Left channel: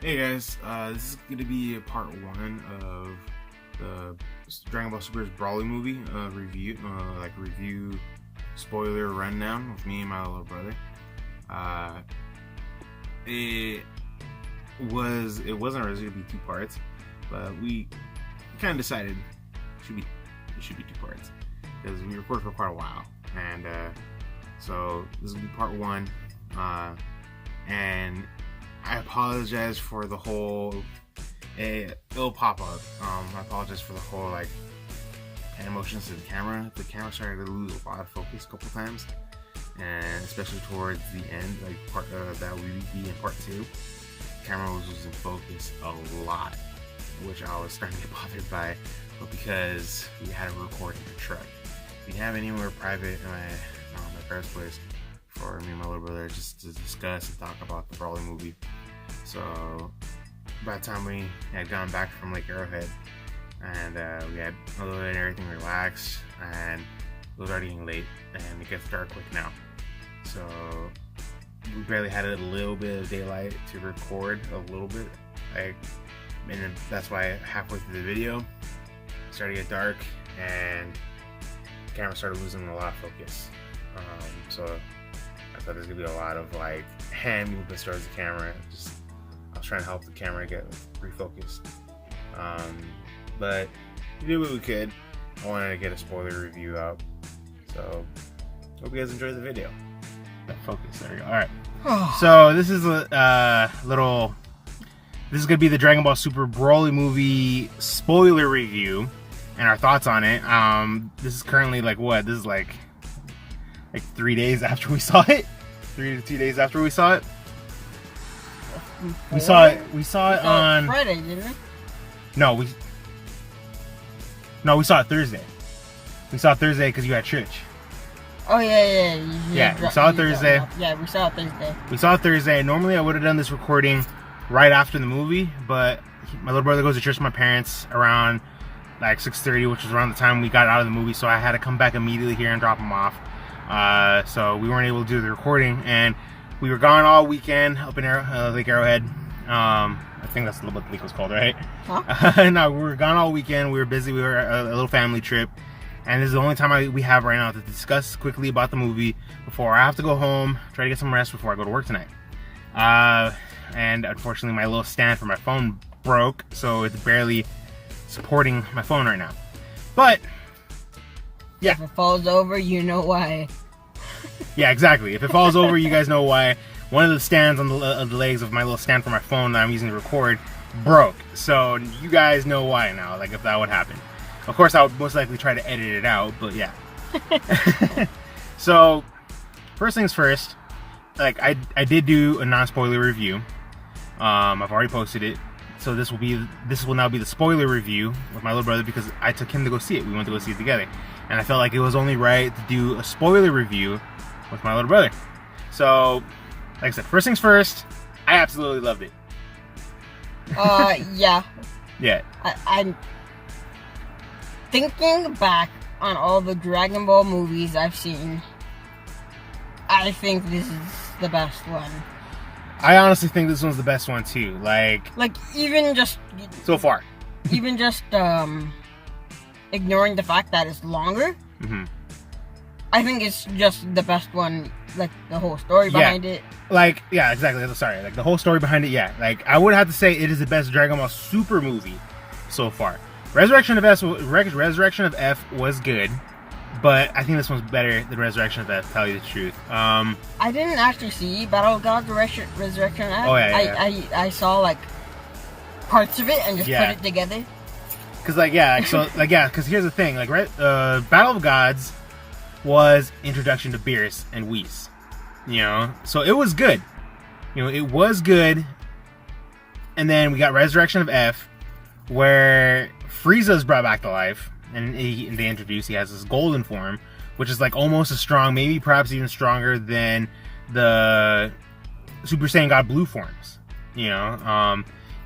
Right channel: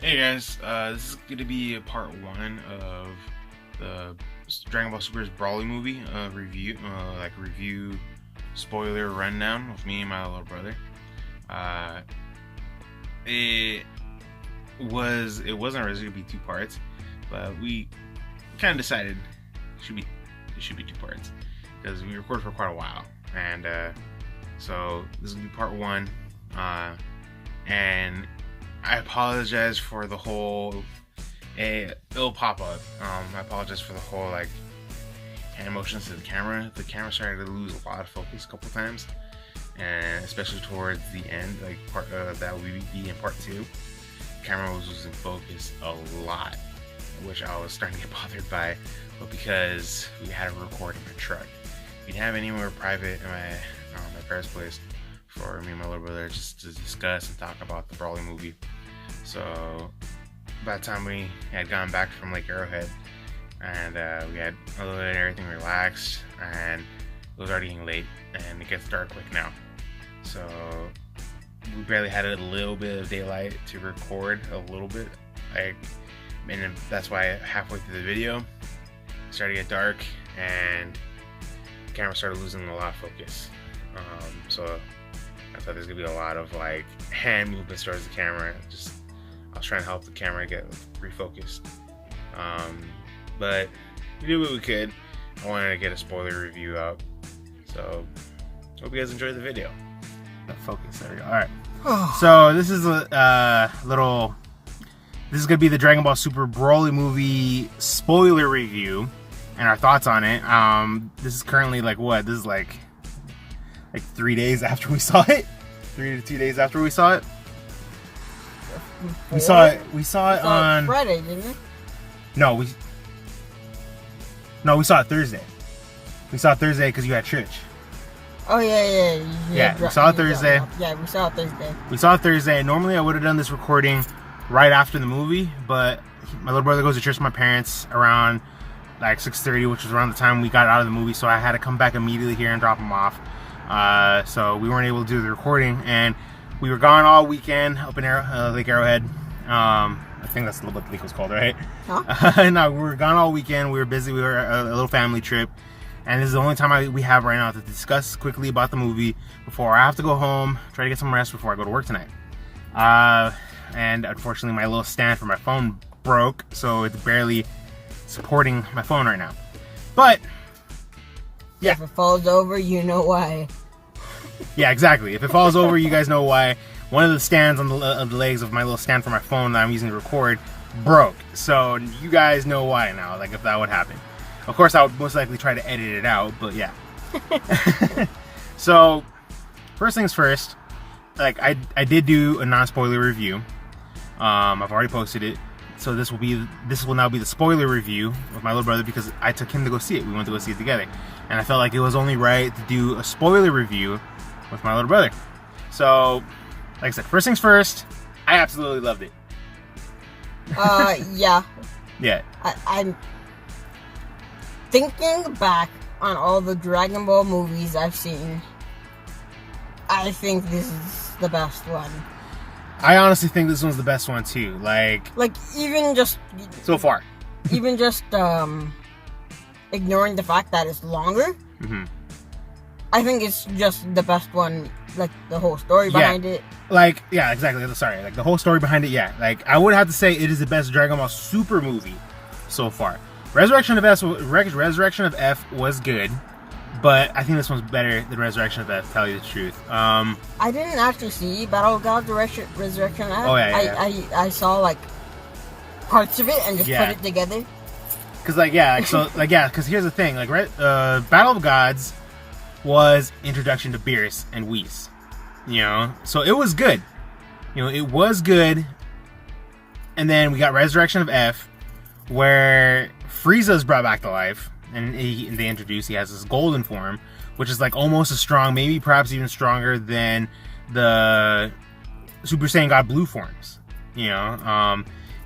Hey guys, this is going to be part one of the Dragon Ball Super's Broly movie review spoiler rundown with me and my little brother. It wasn't originally going to be two parts, but we kind of decided it should be two parts because we recorded for quite a while, and so this will be part one, and I apologize for the whole it'll pop up. I apologize for the whole hand motions to the camera. The camera started to lose a lot of focus a couple times, and especially towards the end, part that would be in part two. The camera was losing focus a lot, which I was starting to get bothered by. But because we had a recording in the truck, we didn't have anywhere private in my parents' place for me and my little brother just to discuss and talk about the Broly movie. So by the time we had gone back from Lake Arrowhead, and we had let everything relax, and it was already getting late, and it gets dark quick now. So we barely had a little bit of daylight to record a little bit, and that's why halfway through the video it started to get dark, and the camera started losing a lot of focus. So I thought there's gonna be a lot of hand movements towards the camera. I was trying to help the camera get refocused. But we did what we could. I wanted to get a spoiler review out. So hope you guys enjoyed the video. Focus, there we go. Alright. So this is this is gonna be the Dragon Ball Super Broly movie spoiler review and our thoughts on it. This is currently this is like 3 days after we saw it. 3 to 2 days after we saw it. We saw it on Friday, didn't we? No, we saw it Thursday. We saw it Thursday because you had church. Oh yeah. We saw it Thursday. Yeah, we saw it Thursday. We saw it Thursday. Normally I would have done this recording right after the movie, but my little brother goes to church with my parents around 6:30, which was around the time we got out of the movie, so I had to come back immediately here and drop him off. So we weren't able to do the recording, and we were gone all weekend up in Lake Arrowhead. I think that's what the lake was called, right? Huh? No, we were gone all weekend. We were busy. We were a little family trip. And this is the only time we have right now to discuss quickly about the movie before I have to go home, try to get some rest before I go to work tonight. And unfortunately, my little stand for my phone broke, so it's barely supporting my phone right now. But, yeah. If it falls over, you know why. Yeah, exactly. If it falls over, you guys know why. One of the stands on the legs of my little stand for my phone that I'm using to record broke. So you guys know why now, if that would happen. Of course, I would most likely try to edit it out, but yeah. So, first things first, I did do a non-spoiler review. I've already posted it. So this will now be the spoiler review with my little brother because I took him to go see it. We went to go see it together. And I felt like it was only right to do a spoiler review with my little brother. So, like I said, first things first, I absolutely loved it. Yeah. Yeah. I'm thinking back on all the Dragon Ball movies I've seen. I think this is the best one. I honestly think this one's the best one too. Even just so far. Even just ignoring the fact that it's longer. Mm-hmm. I think it's just the best one. The whole story behind it. Yeah, exactly. Sorry, the whole story behind it. Yeah, I would have to say it is the best Dragon Ball Super movie so far. Resurrection of F was good, but I think this one's better than Resurrection of F. To tell you the truth. I didn't actually see Battle of Gods Resurrection of F. Oh yeah. I saw parts of it and just put it together. Because here's the thing, Battle of Gods was introduction to Beerus and Whis, so it was good, it was good, and then we got Resurrection of F, where Frieza's brought back to life, and they introduce he has this golden form, which is almost as strong, maybe perhaps even stronger than the Super Saiyan God Blue forms,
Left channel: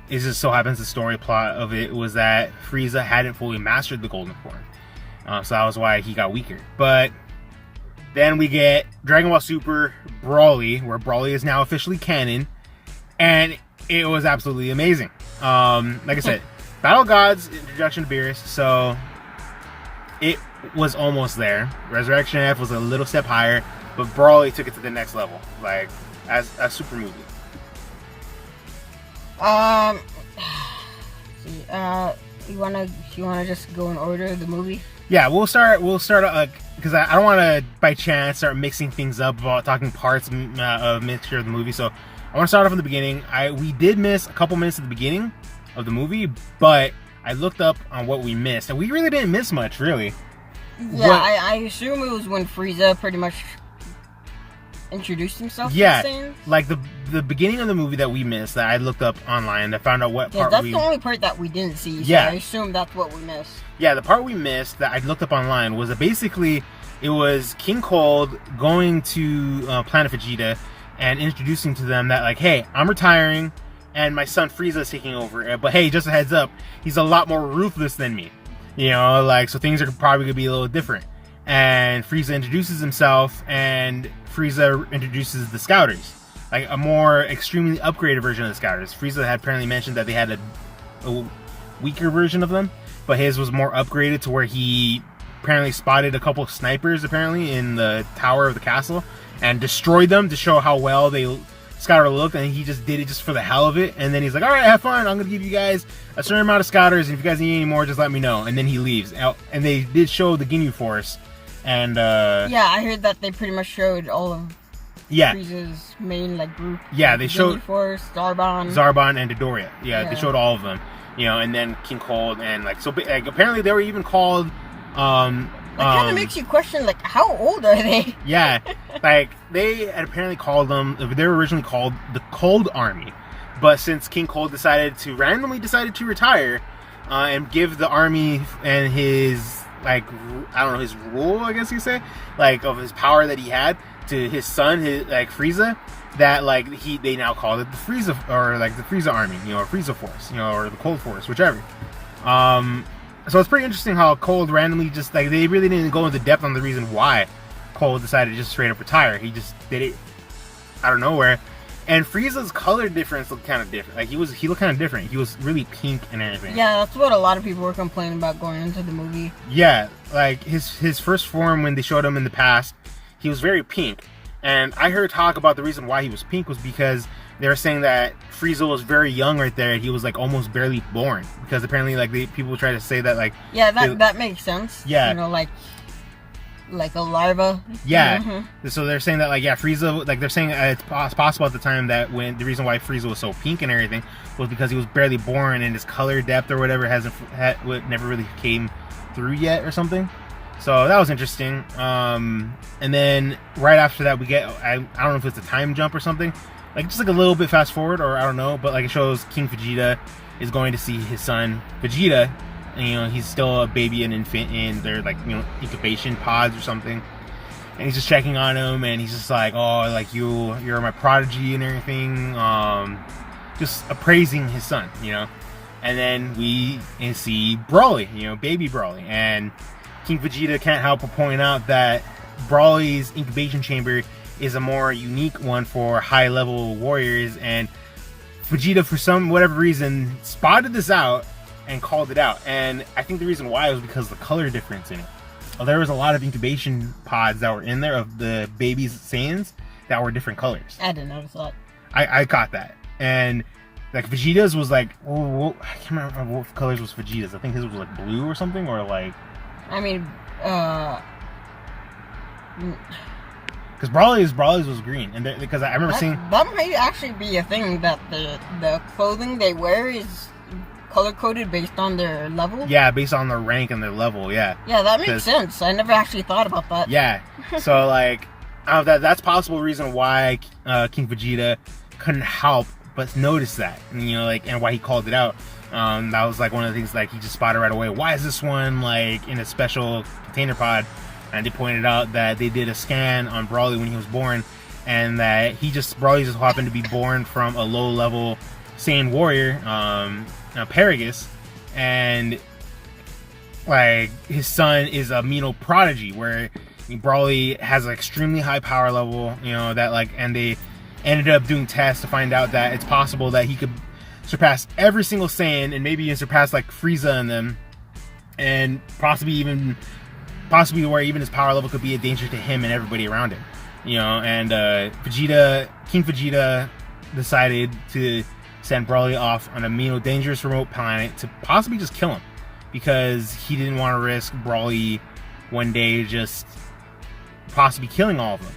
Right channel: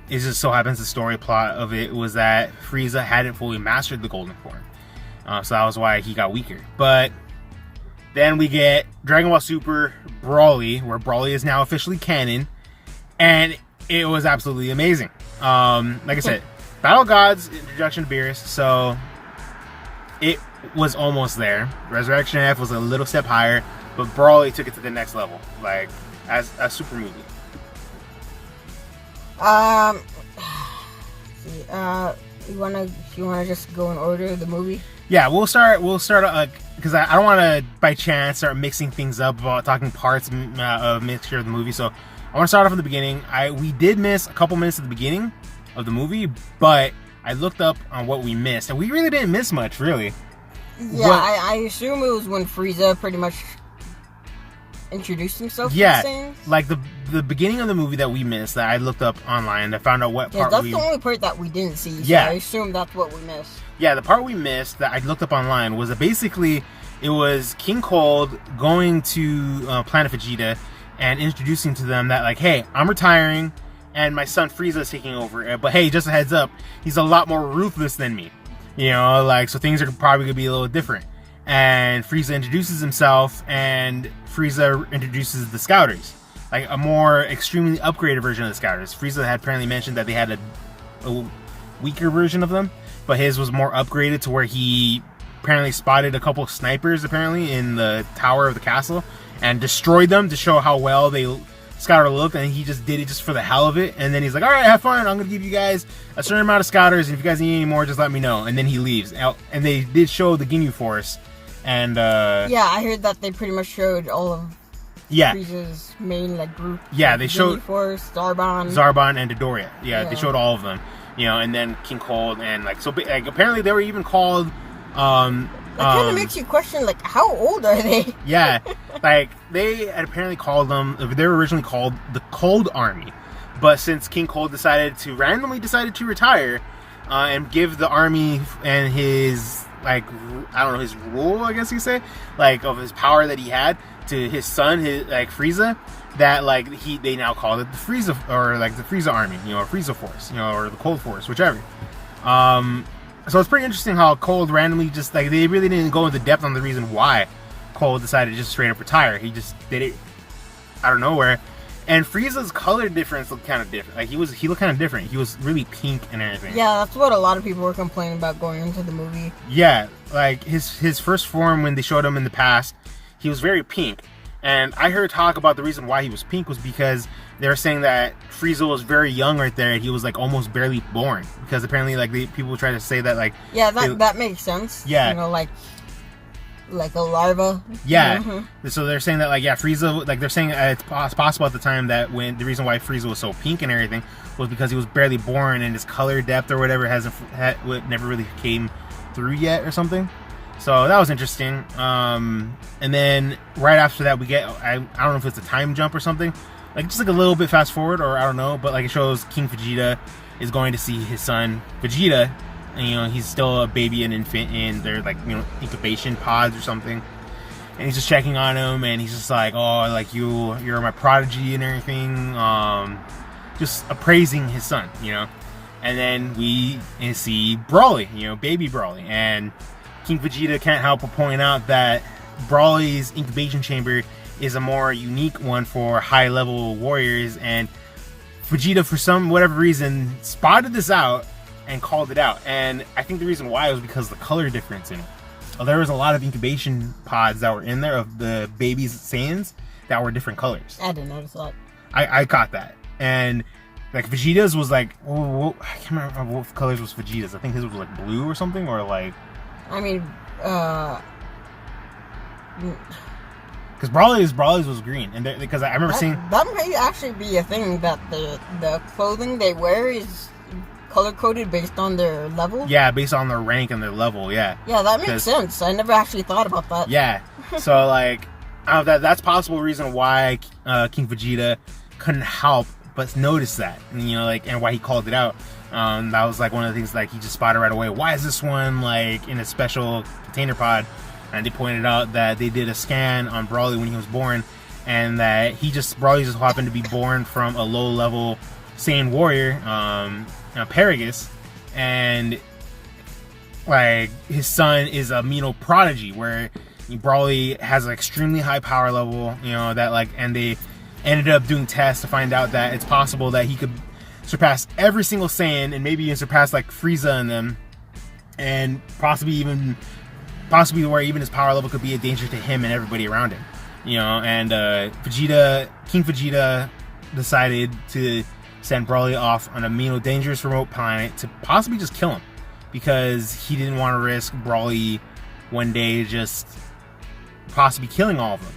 It just so happens the story plot of it was that Frieza hadn't fully mastered the golden form. So that was why he got weaker. But then we get Dragon Ball Super Broly, where Broly is now officially canon. And it was absolutely amazing. Like I said, Battle Gods, introduction to Beerus, so it was almost there. Resurrection F was a little step higher, but Brawly took it to the next level, like as a super movie. You wanna just go in order of the movie? Yeah, we'll start because I don't want to by chance start mixing things up about talking parts of mixture of the movie. So I want to start off at the beginning. We did miss a couple minutes at the beginning of the movie, but I looked up on what we missed, and we really didn't miss much, really. Yeah, I assume it was when Frieza pretty much introduced himself to the Saiyans. Like the beginning of the movie that we missed, that I looked up online. I found out what part. Yeah, that's the only part that we didn't see. So yeah, I assume that's what we missed. Yeah, the part we missed that I looked up online was that basically it was King Cold going to Planet Vegeta and introducing to them that, like, hey, I'm retiring and my son Frieza is taking over. But hey, just a heads up, he's a lot more ruthless than me. You know, like, so things are probably going to be a little different. And Frieza introduces himself, and Frieza introduces the Scouters. Like, a more extremely upgraded version of the Scouters. Frieza had apparently mentioned that they had a weaker version of them, but his was more upgraded to where he apparently spotted a couple of snipers, apparently, in the tower of the castle, and destroyed them to show how well they Scouter looked, and he just did it just for the hell of it. And then he's like, alright, have fun, I'm going to give you guys a certain amount of Scouters, and if you guys need any more, just let me know. And then he leaves. And they did show the Ginyu Force. And yeah, I heard that they pretty much showed all of Frieza's main group. Yeah, they showed Force, Zarbon, and Dodoria. Yeah, they showed all of them. You know, and then King Cold, and apparently they were even called. That kind of makes you question, how old are they? Yeah, they had apparently called them. They were originally called the Cold Army, but since King Cold randomly decided to retire, and give the army and his his rule, I guess you say, of his power that he had to his son, Frieza, that they now call it the Frieza, or the Frieza Army, or Frieza Force, or the Cold Force, whichever. So it's pretty interesting how Cold randomly just they really didn't go into depth on the reason why Cold decided to just straight up retire. He just did it out of nowhere. And Frieza's color difference looked kind of different. He looked kind of different. He was really pink and everything. Yeah, that's what a lot of people were complaining about going into the movie. Yeah, his first form when they showed him in the past, he was very pink. And I heard talk about the reason why he was pink was because they were saying that Frieza was very young right there. He was almost barely born, because apparently people try to say that yeah, that makes sense. Yeah, like a larva. Yeah. Mm-hmm. So they're saying that Frieza, they're saying it's possible at the time that when the reason why Frieza was so pink and everything was because he was barely born and his color depth or whatever never really came through yet or something. So that was interesting. And then right after that we get I don't know if it's a time jump or something, just a little bit fast forward, or I don't know, but it shows King Vegeta is going to see his son Vegeta. And, he's still a baby and infant in their incubation pods or something, and he's just checking on him, and he's just you're my prodigy and everything, just appraising his son, and then we see Brawly, baby Brawly, and King Vegeta can't help but point out that Brawly's incubation chamber is a more unique one for high level warriors, and Vegeta, for whatever reason, spotted this out and called it out. And I think the reason why was because of the color difference in it. There was a lot of incubation pods that were in there of the baby's Saiyans that were different colors. I didn't notice that. I caught that. And Vegeta's was I can't remember what colors was Vegeta's. I think his was blue or something, or because Brawly's was green, and because I remember seeing that might actually be a thing, that the clothing they wear is color-coded based on their level? Yeah, based on their rank and their level, yeah. Yeah, that makes sense. I never actually thought about that. Yeah. So, that's possible reason why King Vegeta couldn't help but notice that. And why he called it out. That was, one of the things, he just spotted right away. Why is this one, in a special container pod? And they pointed out that they did a scan on Brawly when he was born, and that Brawly just happened to be born from a low-level Saiyan warrior, Paragus, and his son is a Mino prodigy, where Brawly has an extremely high power level, and ended up doing tests to find out that it's possible that he could surpass every single Saiyan, and maybe even surpass like Frieza and them, and possibly where even his power level could be a danger to him and everybody around him. You know, and King Vegeta decided to send Broly off on a dangerous remote planet to possibly just kill him, because he didn't want to risk Broly one day just possibly killing all of them.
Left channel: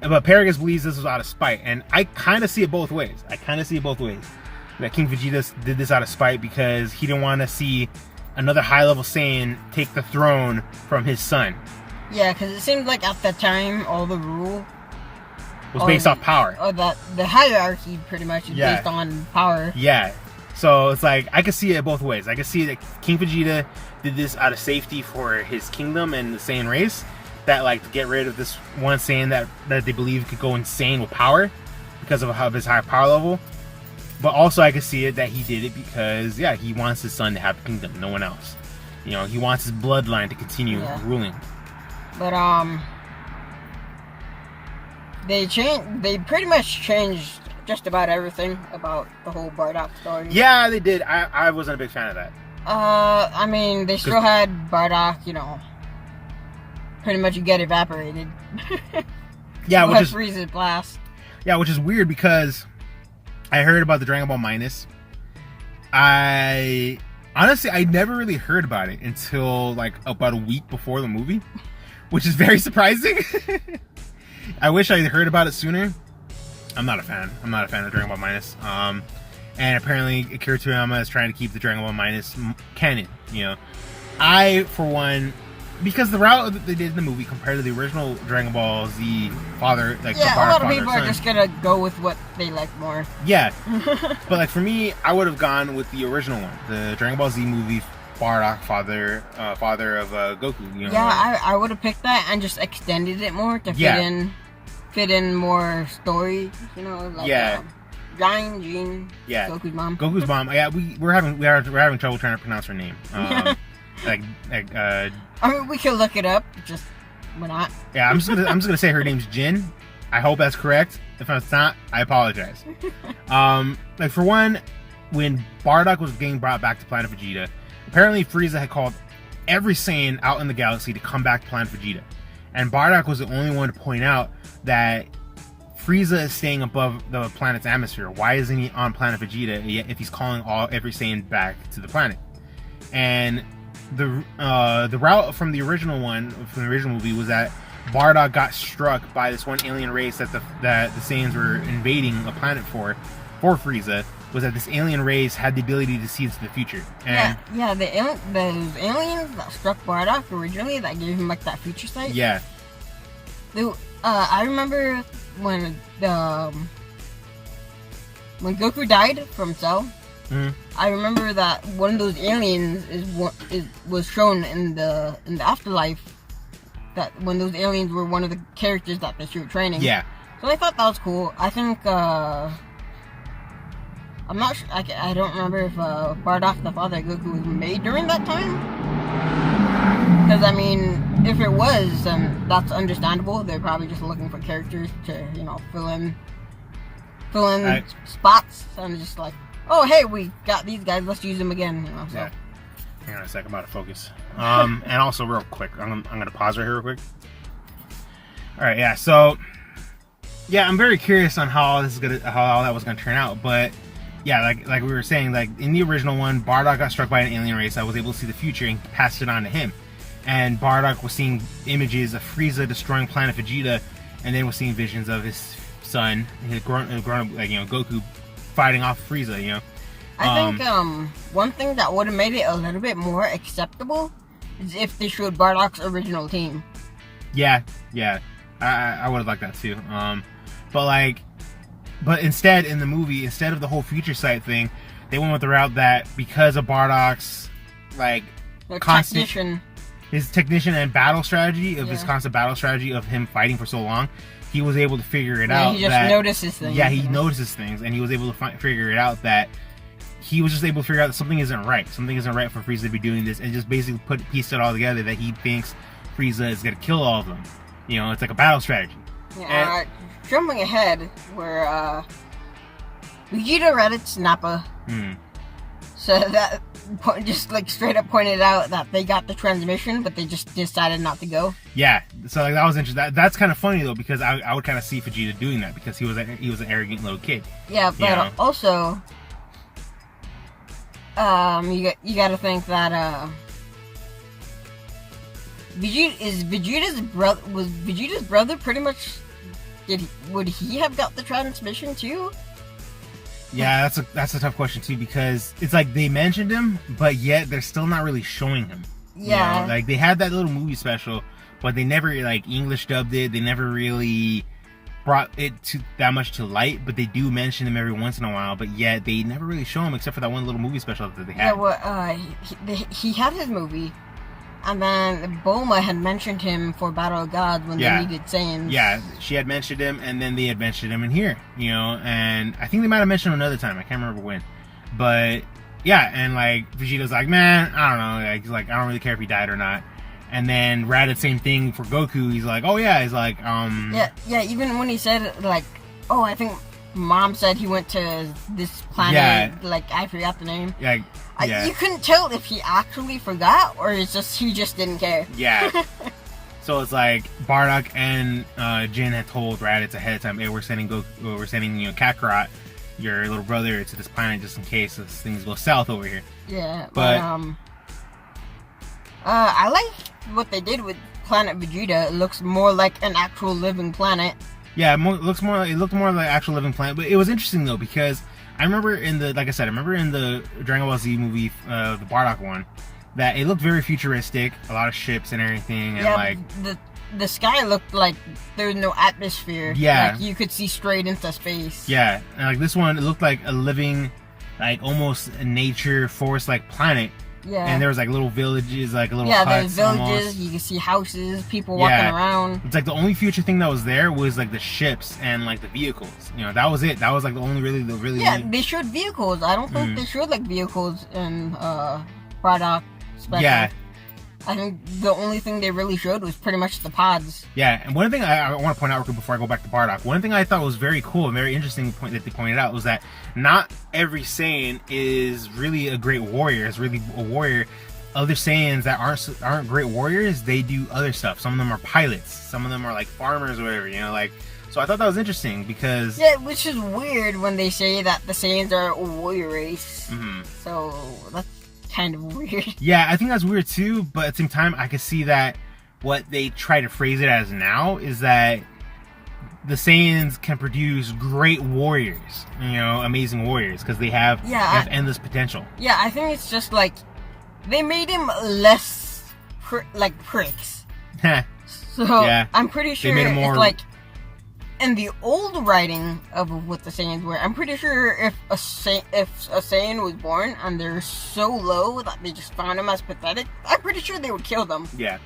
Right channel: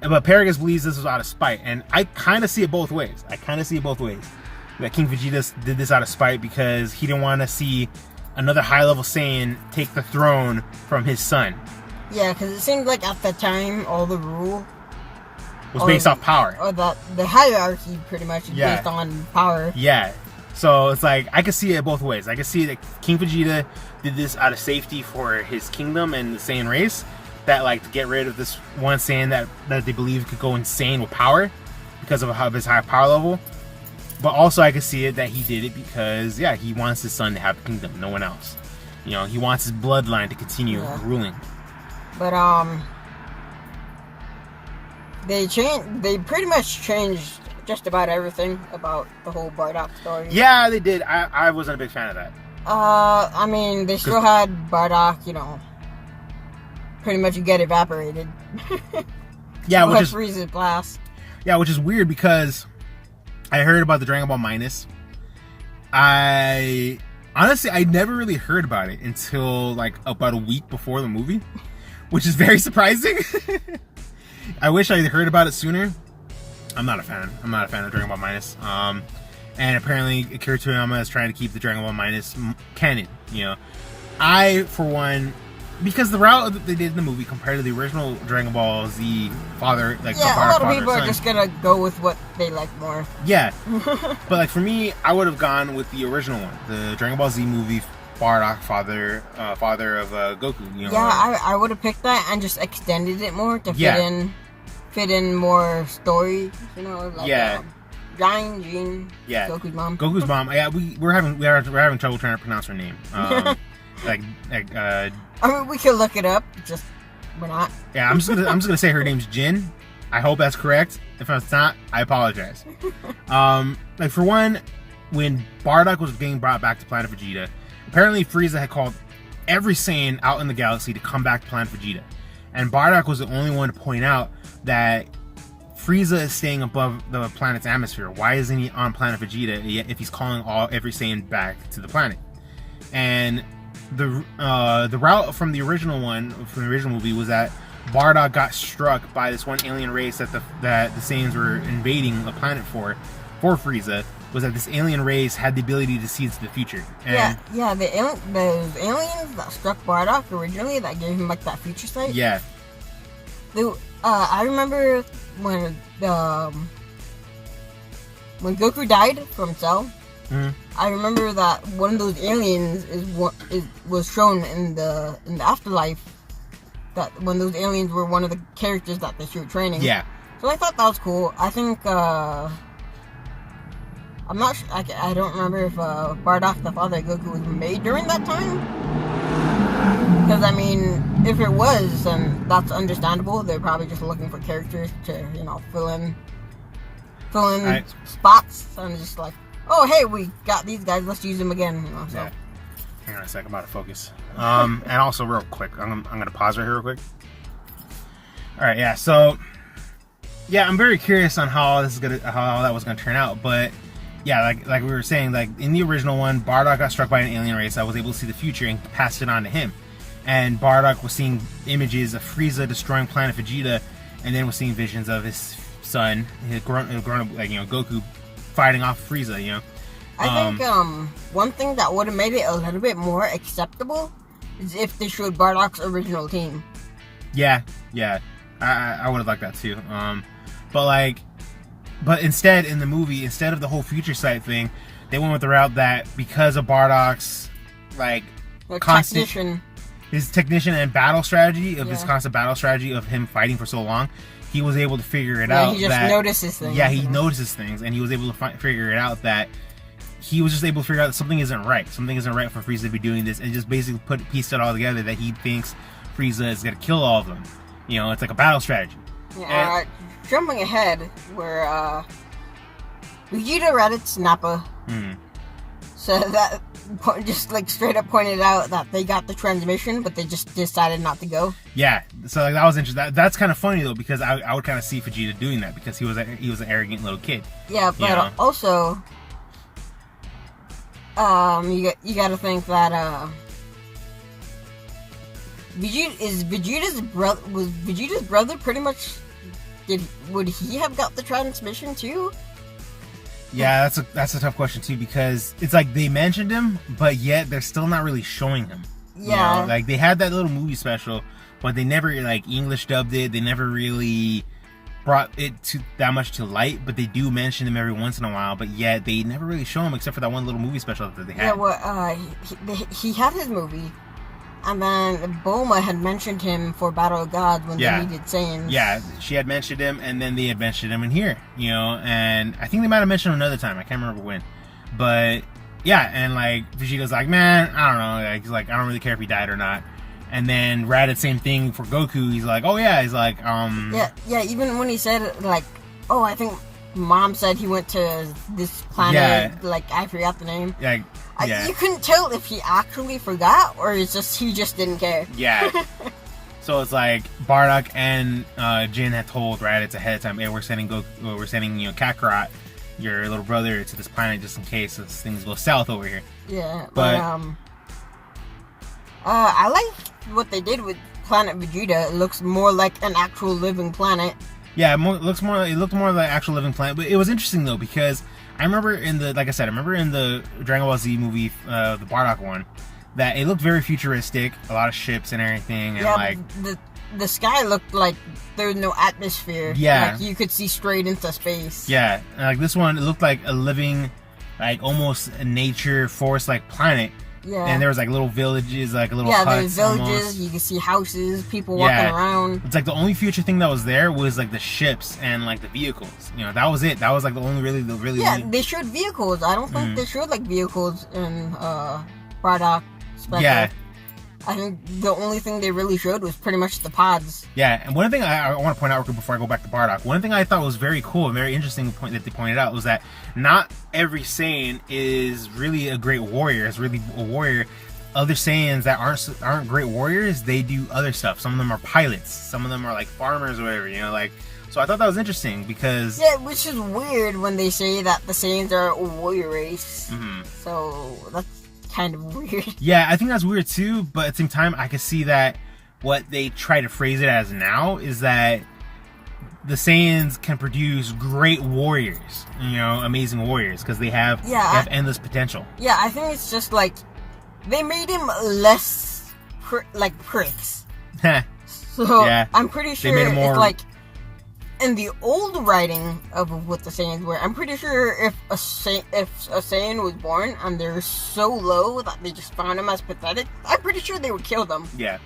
But Paragus believes this was out of spite, and I kind of see it both ways. That King Vegeta did this out of spite because he didn't want to see another high-level Saiyan take the throne from his son. Yeah, because it seemed like at the time, all the rule Was based off power. Or the hierarchy, pretty much, is based on power. Yeah. So it's like, I could see it both ways. I could see that King Vegeta did this out of safety for his kingdom and the Saiyan race, that like to get rid of this one Saiyan that they believe could go insane with power because of his high power level. But also I could see it that he did it because, yeah, he wants his son to have the kingdom, no one else. You know, he wants his bloodline to continue ruling. But they pretty much changed just about everything about the whole Bardock story. Yeah, they did. I wasn't a big fan of that. I mean, they still had Bardock, you know, pretty much get evaporated. Yeah, which is Frieza's blast. Yeah, which is weird because I heard about the Dragon Ball Minus. I never really heard about it until like about a week before the movie, which is very surprising. I wish I had heard about it sooner. I'm not a fan of Dragon Ball Minus. And apparently Akira Toriyama is trying to keep the Dragon Ball Minus canon. You know, I, for one, because the route that they did in the movie compared to the original Dragon Ball Z father, like a lot of people are just gonna go with what they like more. Yeah, but like for me, I would have gone with the original one, the Dragon Ball Z movie. Bardock, father of Goku. You know, yeah, I would have picked that and just extended it more to fit in more story. You know, like Giant Jean, Goku's mom. Goku's mom. Yeah, we're having trouble trying to pronounce her name. I mean, we could look it up. Just we're not. Yeah, I'm just gonna say her name's Jin. I hope that's correct. If it's not, I apologize. Like for one, when Bardock was getting brought back to Planet Vegeta, apparently Frieza had called every Saiyan out in the galaxy to come back to Planet Vegeta, and Bardock was the only one to point out that Frieza is staying above the planet's atmosphere. Why isn't he on Planet Vegeta if he's calling every Saiyan back to the planet? And the route from the original movie was that Bardock got struck by this one alien race that the Saiyans were invading a planet for Frieza. Was that this alien race had the ability to see into the future? And those aliens that struck Bardock originally, that gave him like that future sight. Yeah. I remember when Goku died from Cell. Mm-hmm. I remember that one of those aliens was shown in the afterlife. That when those aliens were one of the characters that they were training. Yeah. So I thought that was cool. I think I'm not sure. I don't remember if Bardock, the father of Goku, was made during that time. Because, I mean, if it was, then that's understandable. They're probably just looking for characters to, you know, fill in spots. So I'm just like, oh, hey, we got these guys. Let's use them again. You know, so. Yeah. Hang on a second, I'm out of focus. And also, real quick, I'm going to pause right here real quick. All right, yeah. So, yeah, I'm very curious on how all that was going to turn out, but. Yeah, like we were saying, like in the original one, Bardock got struck by an alien race that was able to see the future and passed it on to him. And Bardock was seeing images of Frieza destroying Planet Vegeta, and then was seeing visions of his son, his grown like, you know, Goku fighting off Frieza. You know, I think one thing that would have made it a little bit more acceptable is if they showed Bardock's original team. Yeah, I would have liked that too. But instead, in the movie, instead of the whole future sight thing, they went with the route that because of Bardock's his technician and battle strategy his constant battle strategy of him fighting for so long, he was able to figure it out. He just notices things. Yeah, he notices things, and he was able to figure it out that he was just able to figure out that something isn't right. Something isn't right for Frieza to be doing this, and just basically pieced it all together that he thinks Frieza is gonna kill all of them. You know, it's like a battle strategy. Yeah, jumping ahead, where Vegeta, Raditz, Nappa. So that just like straight up pointed out that they got the transmission, but they just decided not to go. Yeah, so like, that was interesting. That's kind of funny though, because I would kind of see Vegeta doing that because he was an arrogant little kid. Yeah, but also, you got to think that Vegeta's brother pretty much would he have got the transmission too? Yeah, that's a tough question too, because it's like they mentioned him, but yet they're still not really showing him. Yeah, you know? Like they had that little movie special, but they never like English dubbed it. They never really brought it to that much to light. But they do mention him every once in a while. But yet they never really show him except for that one little movie special that they had. Yeah, well, he had his movie. And then Bulma had mentioned him for Battle of God when they needed Saiyans. Yeah, she had mentioned him, and then they had mentioned him in here, you know, and I think they might have mentioned him another time. I can't remember when. But, yeah, and, like, Vegeta's like, man, I don't know. Like, he's like, I don't really care if he died or not. And then Raditz, same thing for Goku. He's like, oh, yeah. He's like, Yeah, even when he said, like, oh, I think Mom said he went to this planet. Yeah. Like, I forgot the name. Like, yeah. You couldn't tell if he actually forgot or it's just he just didn't care. Yeah. So it's like Bardock and Jin had told Raditz ahead of time, hey, we're sending Kakarot, your little brother, to this planet just in case things go south over here. Yeah, but I like what they did with Planet Vegeta. It looks more like an actual living planet. Yeah, it looked more like an actual living planet. But it was interesting though, because I remember in the Dragon Ball Z movie, the Bardock one, that it looked very futuristic, a lot of ships and everything, and like the sky looked like there was no atmosphere. Yeah, like you could see straight into space. Yeah, and like this one, it looked like a living, like almost a nature forest-like planet. Yeah, and there was like little villages, like little huts. There's villages. Almost. You can see houses, people walking around. It's like the only future thing that was there was like the ships and like the vehicles. You know, that was it. That was like the only really. Yeah, they showed vehicles. I don't think they showed like vehicles in Bardock Special. Yeah, I think the only thing they really showed was pretty much the pods. Yeah, and one thing I want to point out before I go back to Bardock, one thing I thought was very cool and very interesting point that they pointed out was that not every Saiyan is really a great warrior. Is really a warrior. Other Saiyans that aren't great warriors, they do other stuff. Some of them are pilots. Some of them are like farmers or whatever. You know, like. So I thought that was interesting because which is weird when they say that the Saiyans are a warrior race. Mm-hmm. So that's kind of weird. Yeah, I think that's weird too, but at the same time I can see that what they try to phrase it as now is that the Saiyans can produce great warriors, you know, amazing warriors, because they have endless potential. Yeah, I think it's just like they made him less like pricks. So yeah, I'm pretty sure it's like in the old writing of what the Saiyans were, I'm pretty sure if a Saiyan was born and they're so low that they just found him as pathetic, I'm pretty sure they would kill them. Yeah.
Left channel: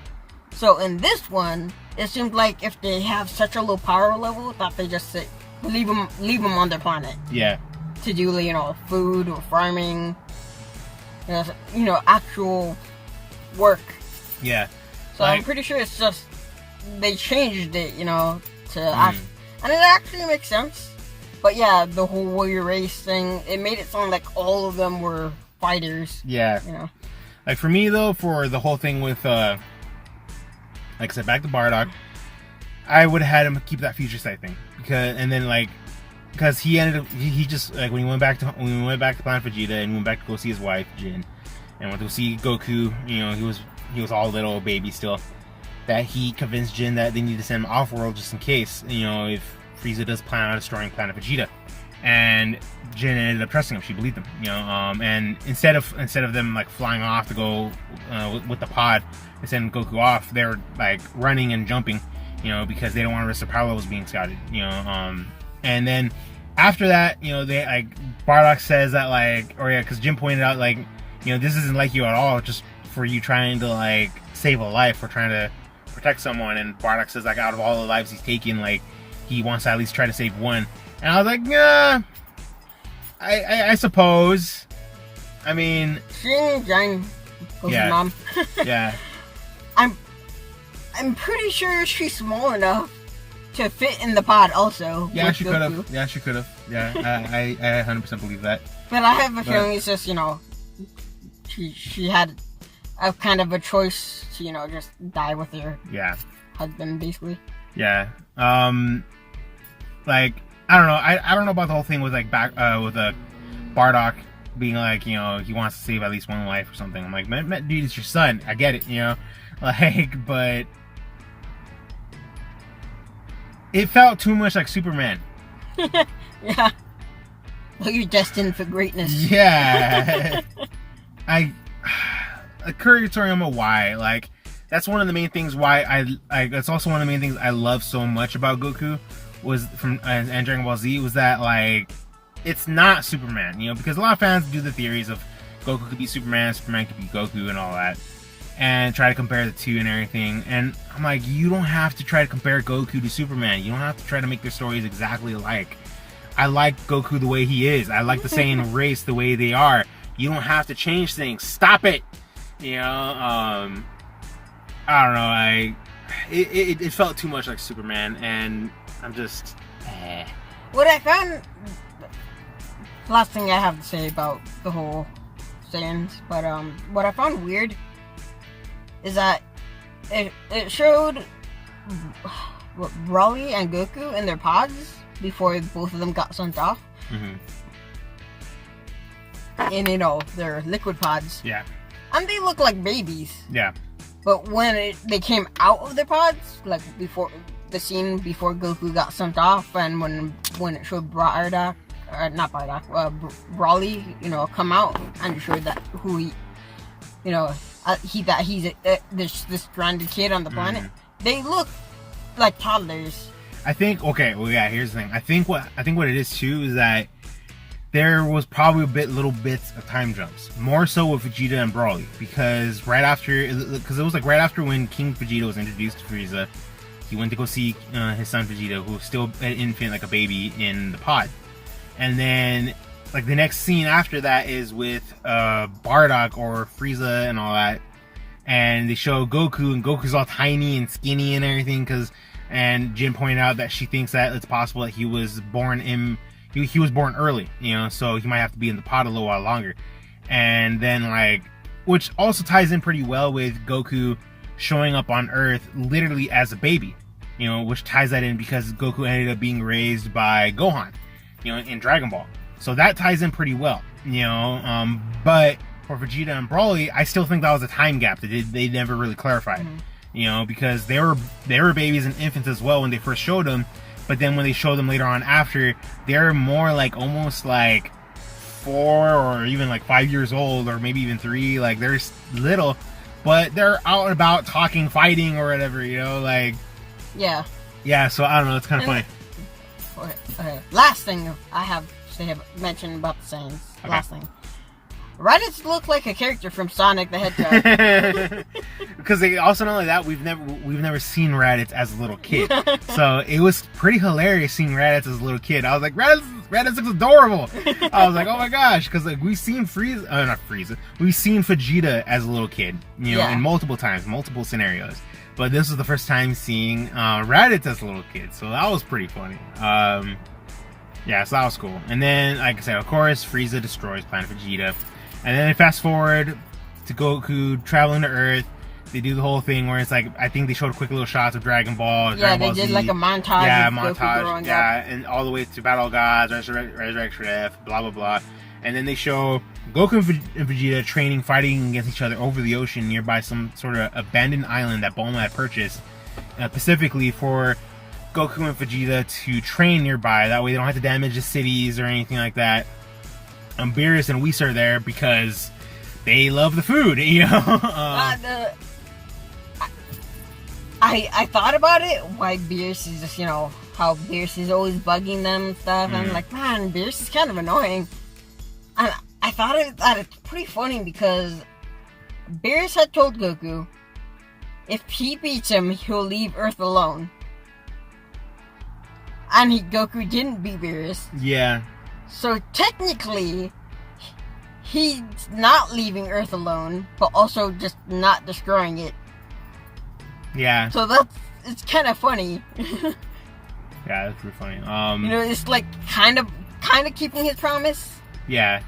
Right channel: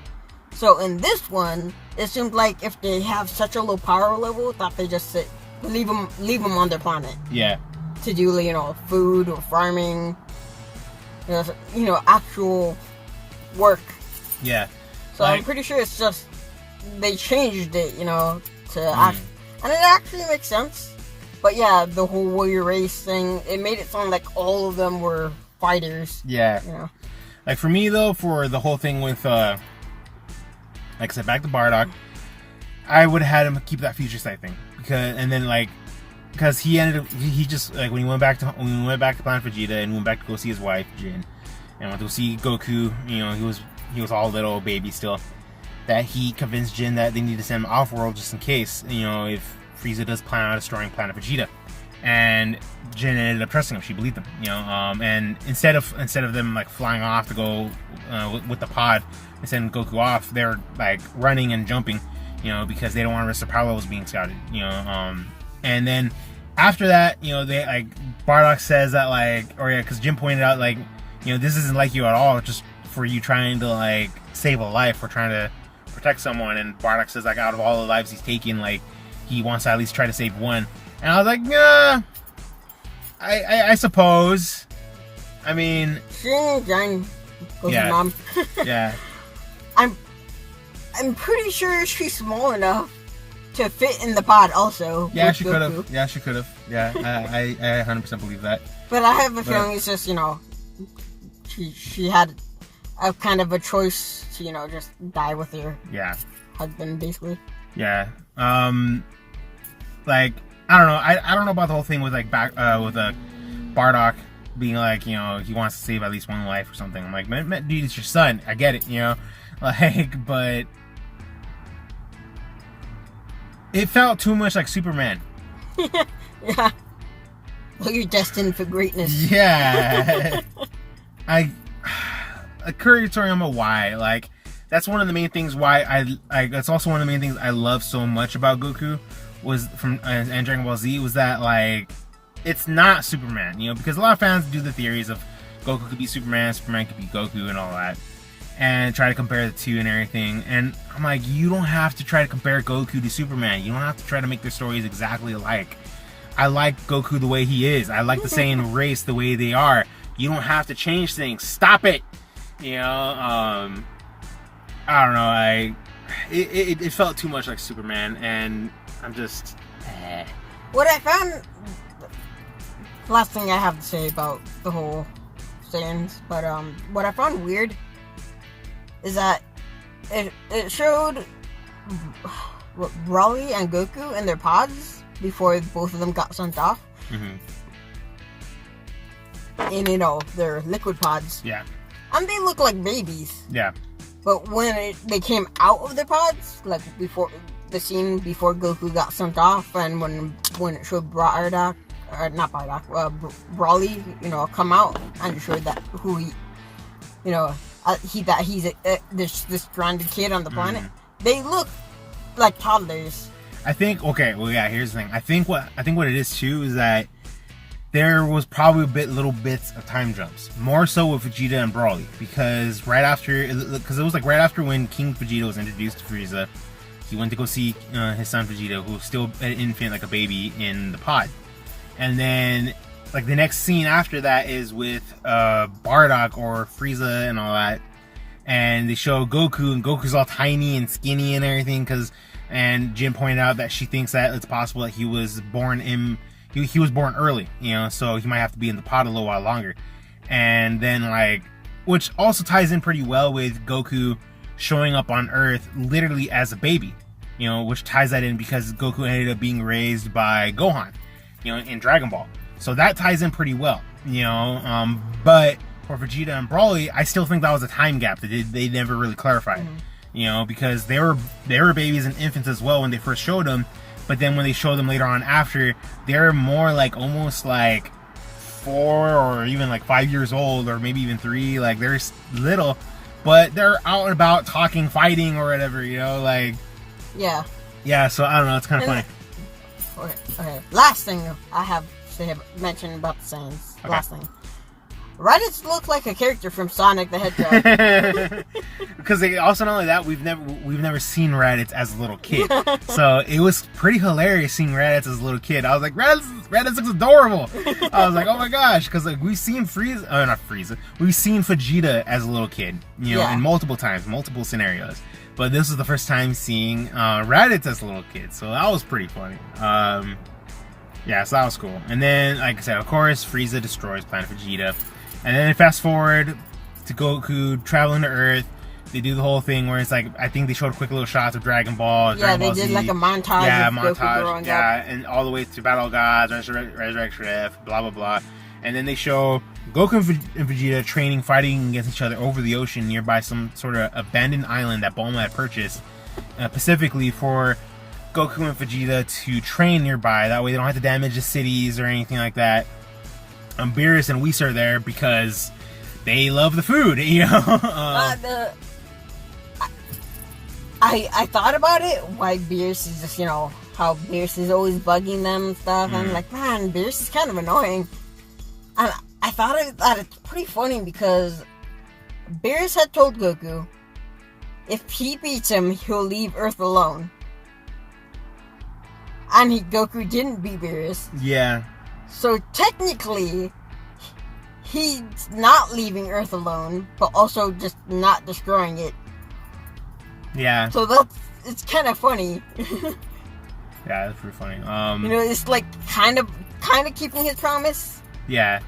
So in this one, it seems like if they have such a low power level that they just leave them on their planet. Yeah. To do, you know, food or farming, you know, actual work. Yeah. So I'm pretty sure it's just they changed it, you know, to and it actually makes sense. But yeah, the whole warrior race thing, it made it sound like all of them were fighters. Yeah. You know. Like for me though, for the whole thing with like I said, back to Bardock, I would have had him keep that future sight thing because he just like when we went back to Planet Vegeta and went back to go see his wife Jin and went to see Goku, you know, he was all little baby still. That he convinced Jin that they need to send him off-world just in case, you know, if Frieza does plan on destroying Planet Vegeta. And Jin ended up trusting him. She believed him, you know. And instead of them like flying off to go with the pod and sending Goku off, they're like running and jumping, you know, because they don't want to risk their power levels being scouted, you know. And then after that, you know, they like Bardock says that like, because Jin pointed out like, you know, this isn't like you at all, just for you trying to like save a life or trying to protect someone. And Bardock says like out of all the lives he's taken, like he wants to at least try to save one. And I was like, yeah, I suppose. I mean, yeah, mom. Yeah. I'm pretty sure she's small enough to fit in the pod also. Yeah, with she could have. Goku. Yeah, she could have. Yeah, I 100% believe that. But I have a feeling it's just, she had a kind of a choice to, just die with her Yeah. husband, basically. Yeah. Like, I don't know. I don't know about the whole thing with like Bardock being like, he wants to save at least one life or something. I'm like, man, dude, it's your son. I get it, like, but it felt too much like Superman. Yeah. Well, you're destined for greatness. Yeah. Akira Toriyama, why? Like, that's one of the main things why that's also one of the main things I love so much about Goku was from and Dragon Ball Z was that, like, it's not Superman, because a lot of fans do the theories of Goku could be Superman could be Goku and all that, and try to compare the two and everything. And I'm like, you don't have to try to compare Goku to Superman. You don't have to try to make their stories exactly alike. I like Goku the way he is. I like the Saiyan race the way they are. You don't have to change things. Stop it. I don't know. It felt too much like Superman, and I'm just. What I found. Last thing I have to say about the whole Saiyans, but what I found weird is that it showed Broly and Goku in their pods before both of them got sent off. Mm-hmm. In their liquid pods. Yeah. And they look like babies. Yeah. But when they came out of their pods, like before the scene before Goku got sent off, and when it showed Broly, come out and showed that who he, he's this stranded kid on the planet. Mm-hmm. They look like toddlers. I think. Okay. Well, yeah. Here's the thing. I think what it is too is that there was probably little bits of time jumps, more so with Vegeta and Broly, because it was like right after when King Vegeta was introduced to Frieza, he went to go see his son Vegeta, who was still an infant, like a baby, in the pod, and then like the next scene after that is with Bardock or Frieza and all that, and they show Goku, and Goku's all tiny and skinny and everything, and Jin pointed out that she thinks that it's possible that he was born early, so he might have to be in the pod a little while longer. And then, like, which also ties in pretty well with Goku showing up on Earth literally as a baby, which ties that in because Goku ended up being raised by Gohan, in Dragon Ball. So that ties in pretty well, but for Vegeta and Broly, I still think that was a time gap that they never really clarified, because they were babies and infants as well when they first showed them. But then when they show them later on after, they're more like almost like 4 or even like 5 years old, or maybe even 3. Like, they're little, but they're out and about talking, fighting, or whatever, like. Yeah. Yeah, so I don't know. It's kind of funny. Okay. Last thing I have to mention about the Saiyans. Okay. Last thing. Raditz looked like a character from Sonic the Hedgehog. Because also not only that, we've never seen Raditz as a little kid, so it was pretty hilarious seeing Raditz as a little kid. I was like, Raditz looks adorable. I was like, oh my gosh, because like we've seen we've seen Vegeta as a little kid, in multiple times, multiple scenarios. But this was the first time seeing Raditz as a little kid, so that was pretty funny. Yeah, so that was cool. And then, like I said, of course, Frieza destroys Planet Vegeta. And then fast forward to Goku traveling to Earth. They do the whole thing where it's like, I think they showed quick little shots of Dragon Ball. Yeah, Dragon Ball they did Z. like a montage of Goku growing up. And all the way to Battle of Gods, Resurrection F, blah, blah, blah. And then they show Goku and Vegeta fighting against each other over the ocean nearby some sort of abandoned island that Bulma had purchased specifically for Goku and Vegeta to train nearby. That way they don't have to damage the cities or anything like that. Beerus and Whis are there because they love the food, I thought about it, why Beerus is just, how Beerus is always bugging them and stuff. And I'm like, man, Beerus is kind of annoying. And I thought that it's pretty funny because Beerus had told Goku if he beats him, he'll leave Earth alone. And Goku didn't beat Beerus. Yeah. So technically, he's not leaving Earth alone, but also just not destroying it. Yeah. So it's kind of funny. Yeah, that's pretty funny. It's like kind of keeping his promise. Yeah.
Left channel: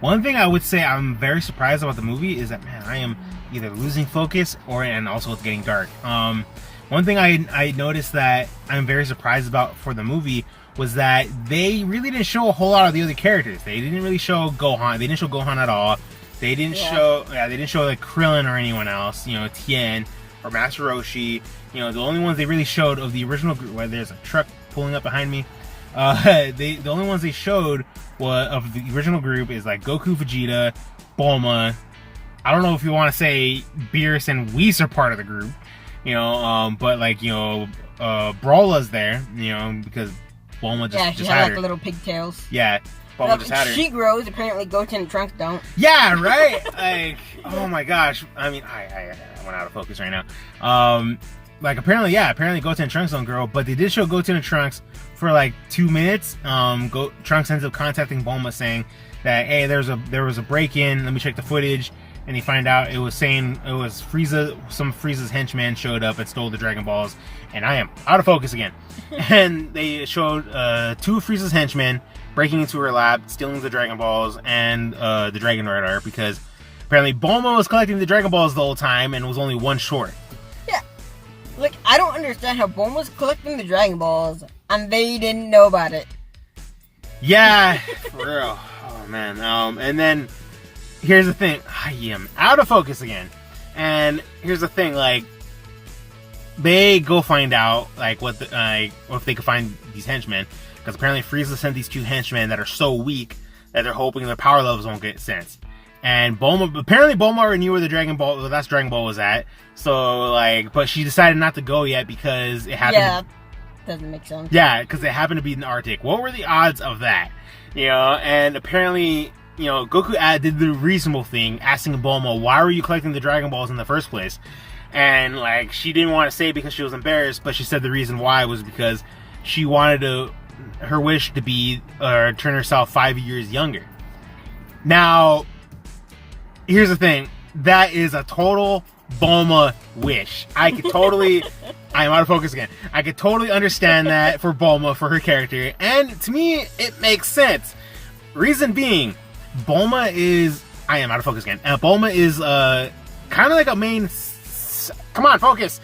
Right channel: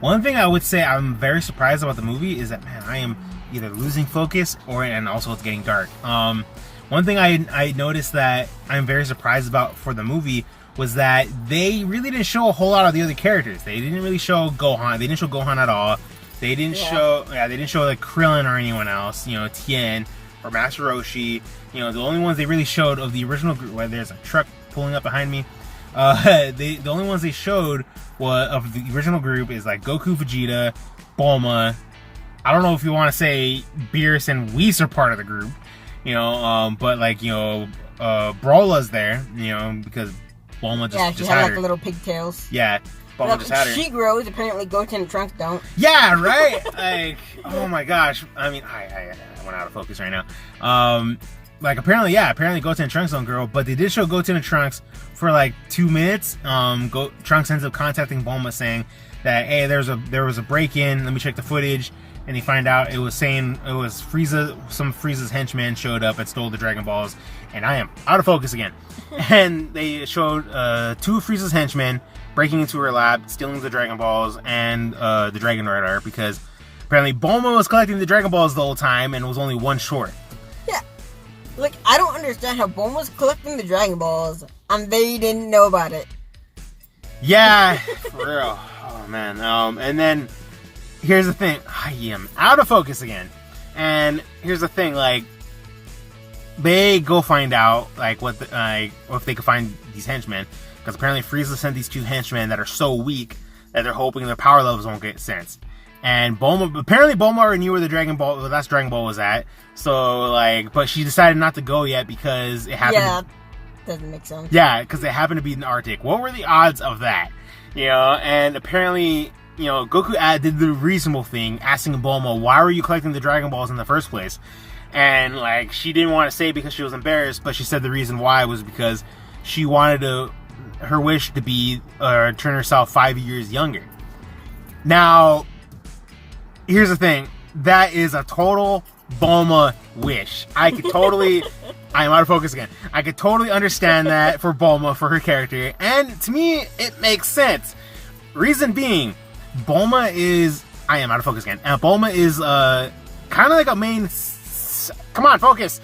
One thing I would say I'm very surprised about the movie is that, man, I am either losing focus and also it's getting dark. One thing I noticed that I'm very surprised about for the movie was that they really didn't show a whole lot of the other characters. They didn't really show Gohan. They didn't show Gohan at all. They didn't show like Krillin or anyone else. Tien or Master Roshi. The only ones they really showed of the original group. Where there's a truck pulling up behind me. The only ones they showed of the original group is like Goku, Vegeta, Bulma. I don't know if you want to say Beerus and Whis are part of the group. But like Brawla's there. Because Bulma just she had had her. like little pigtails. Yeah. Bulma just had her. She grows. Apparently, Goten and Trunks don't. Yeah, right. Like, oh my gosh. I mean, I went out of focus right now. Apparently Goten and Trunks don't grow, but they did show Goten and Trunks for like 2 minutes. Trunks ends up contacting Bulma saying that, hey, there was a break-in. Let me check the footage. And they find out it was Frieza. Some of Frieza's henchmen showed up and stole the Dragon Balls, and I am out of focus again. And they showed 2 of Frieza's henchmen breaking into her lab, stealing the Dragon Balls and the Dragon Radar, because apparently Bulma was collecting the Dragon Balls the whole time and was only one short. Yeah, like I don't understand how Bulma was collecting the Dragon Balls and they didn't know about it. Yeah, for real. Oh man. And then here's the thing. I am out of focus again. And here's the thing, like, they go find out, like, if they can find these henchmen. Because apparently Frieza sent these 2 henchmen that are so weak that they're hoping their power levels won't get sensed. And apparently Bulma already knew where the last Dragon Ball was at. So, like, but she decided not to go yet because it happened. Yeah, doesn't make sense. Yeah, because it happened to be in the Arctic. What were the odds of that? And apparently, Goku did the reasonable thing, asking Bulma, why were you collecting the Dragon Balls in the first place? And, like, she didn't want to say because she was embarrassed, but she said the reason why was because she wanted her wish to be, turn herself 5 years younger. Now, here's the thing. That is a total Bulma wish. I am out of focus again. I could totally understand that for Bulma, for her character. And to me, it makes sense. Reason being, Bulma is... I am out of focus again. Bulma is kind of like a main... Come on, focus!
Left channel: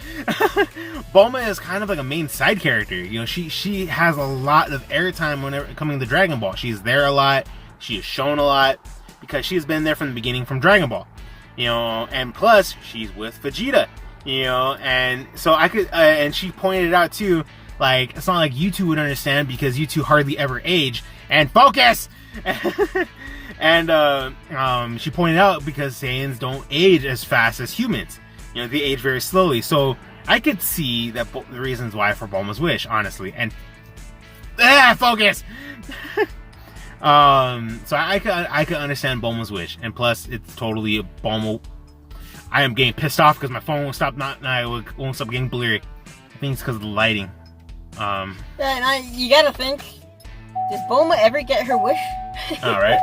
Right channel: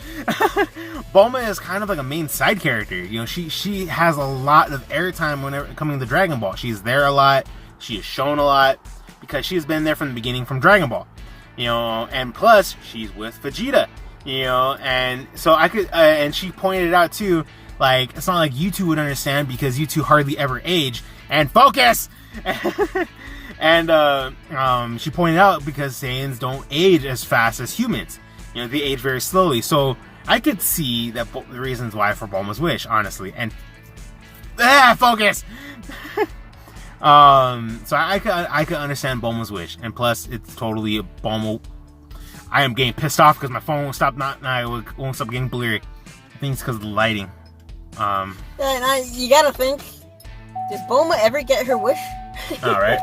Bulma is kind of like a main side character. She has a lot of airtime whenever coming to Dragon Ball. She's there a lot. She is shown a lot. Because she's been there from the beginning from Dragon Ball. And plus, she's with Vegeta. And so I could... and she pointed out, too, like, it's not like you two would understand because you two hardly ever age. And focus! And she pointed out because Saiyans don't age as fast as humans. They age very slowly. So I could see the reasons why for Bulma's wish, honestly. And focus. So I could understand Bulma's wish, and plus it's totally a Bulma. I am getting pissed off because my phone won't stop getting blurry. I think it's because of the lighting. You gotta think. Did Bulma ever get her wish? All right.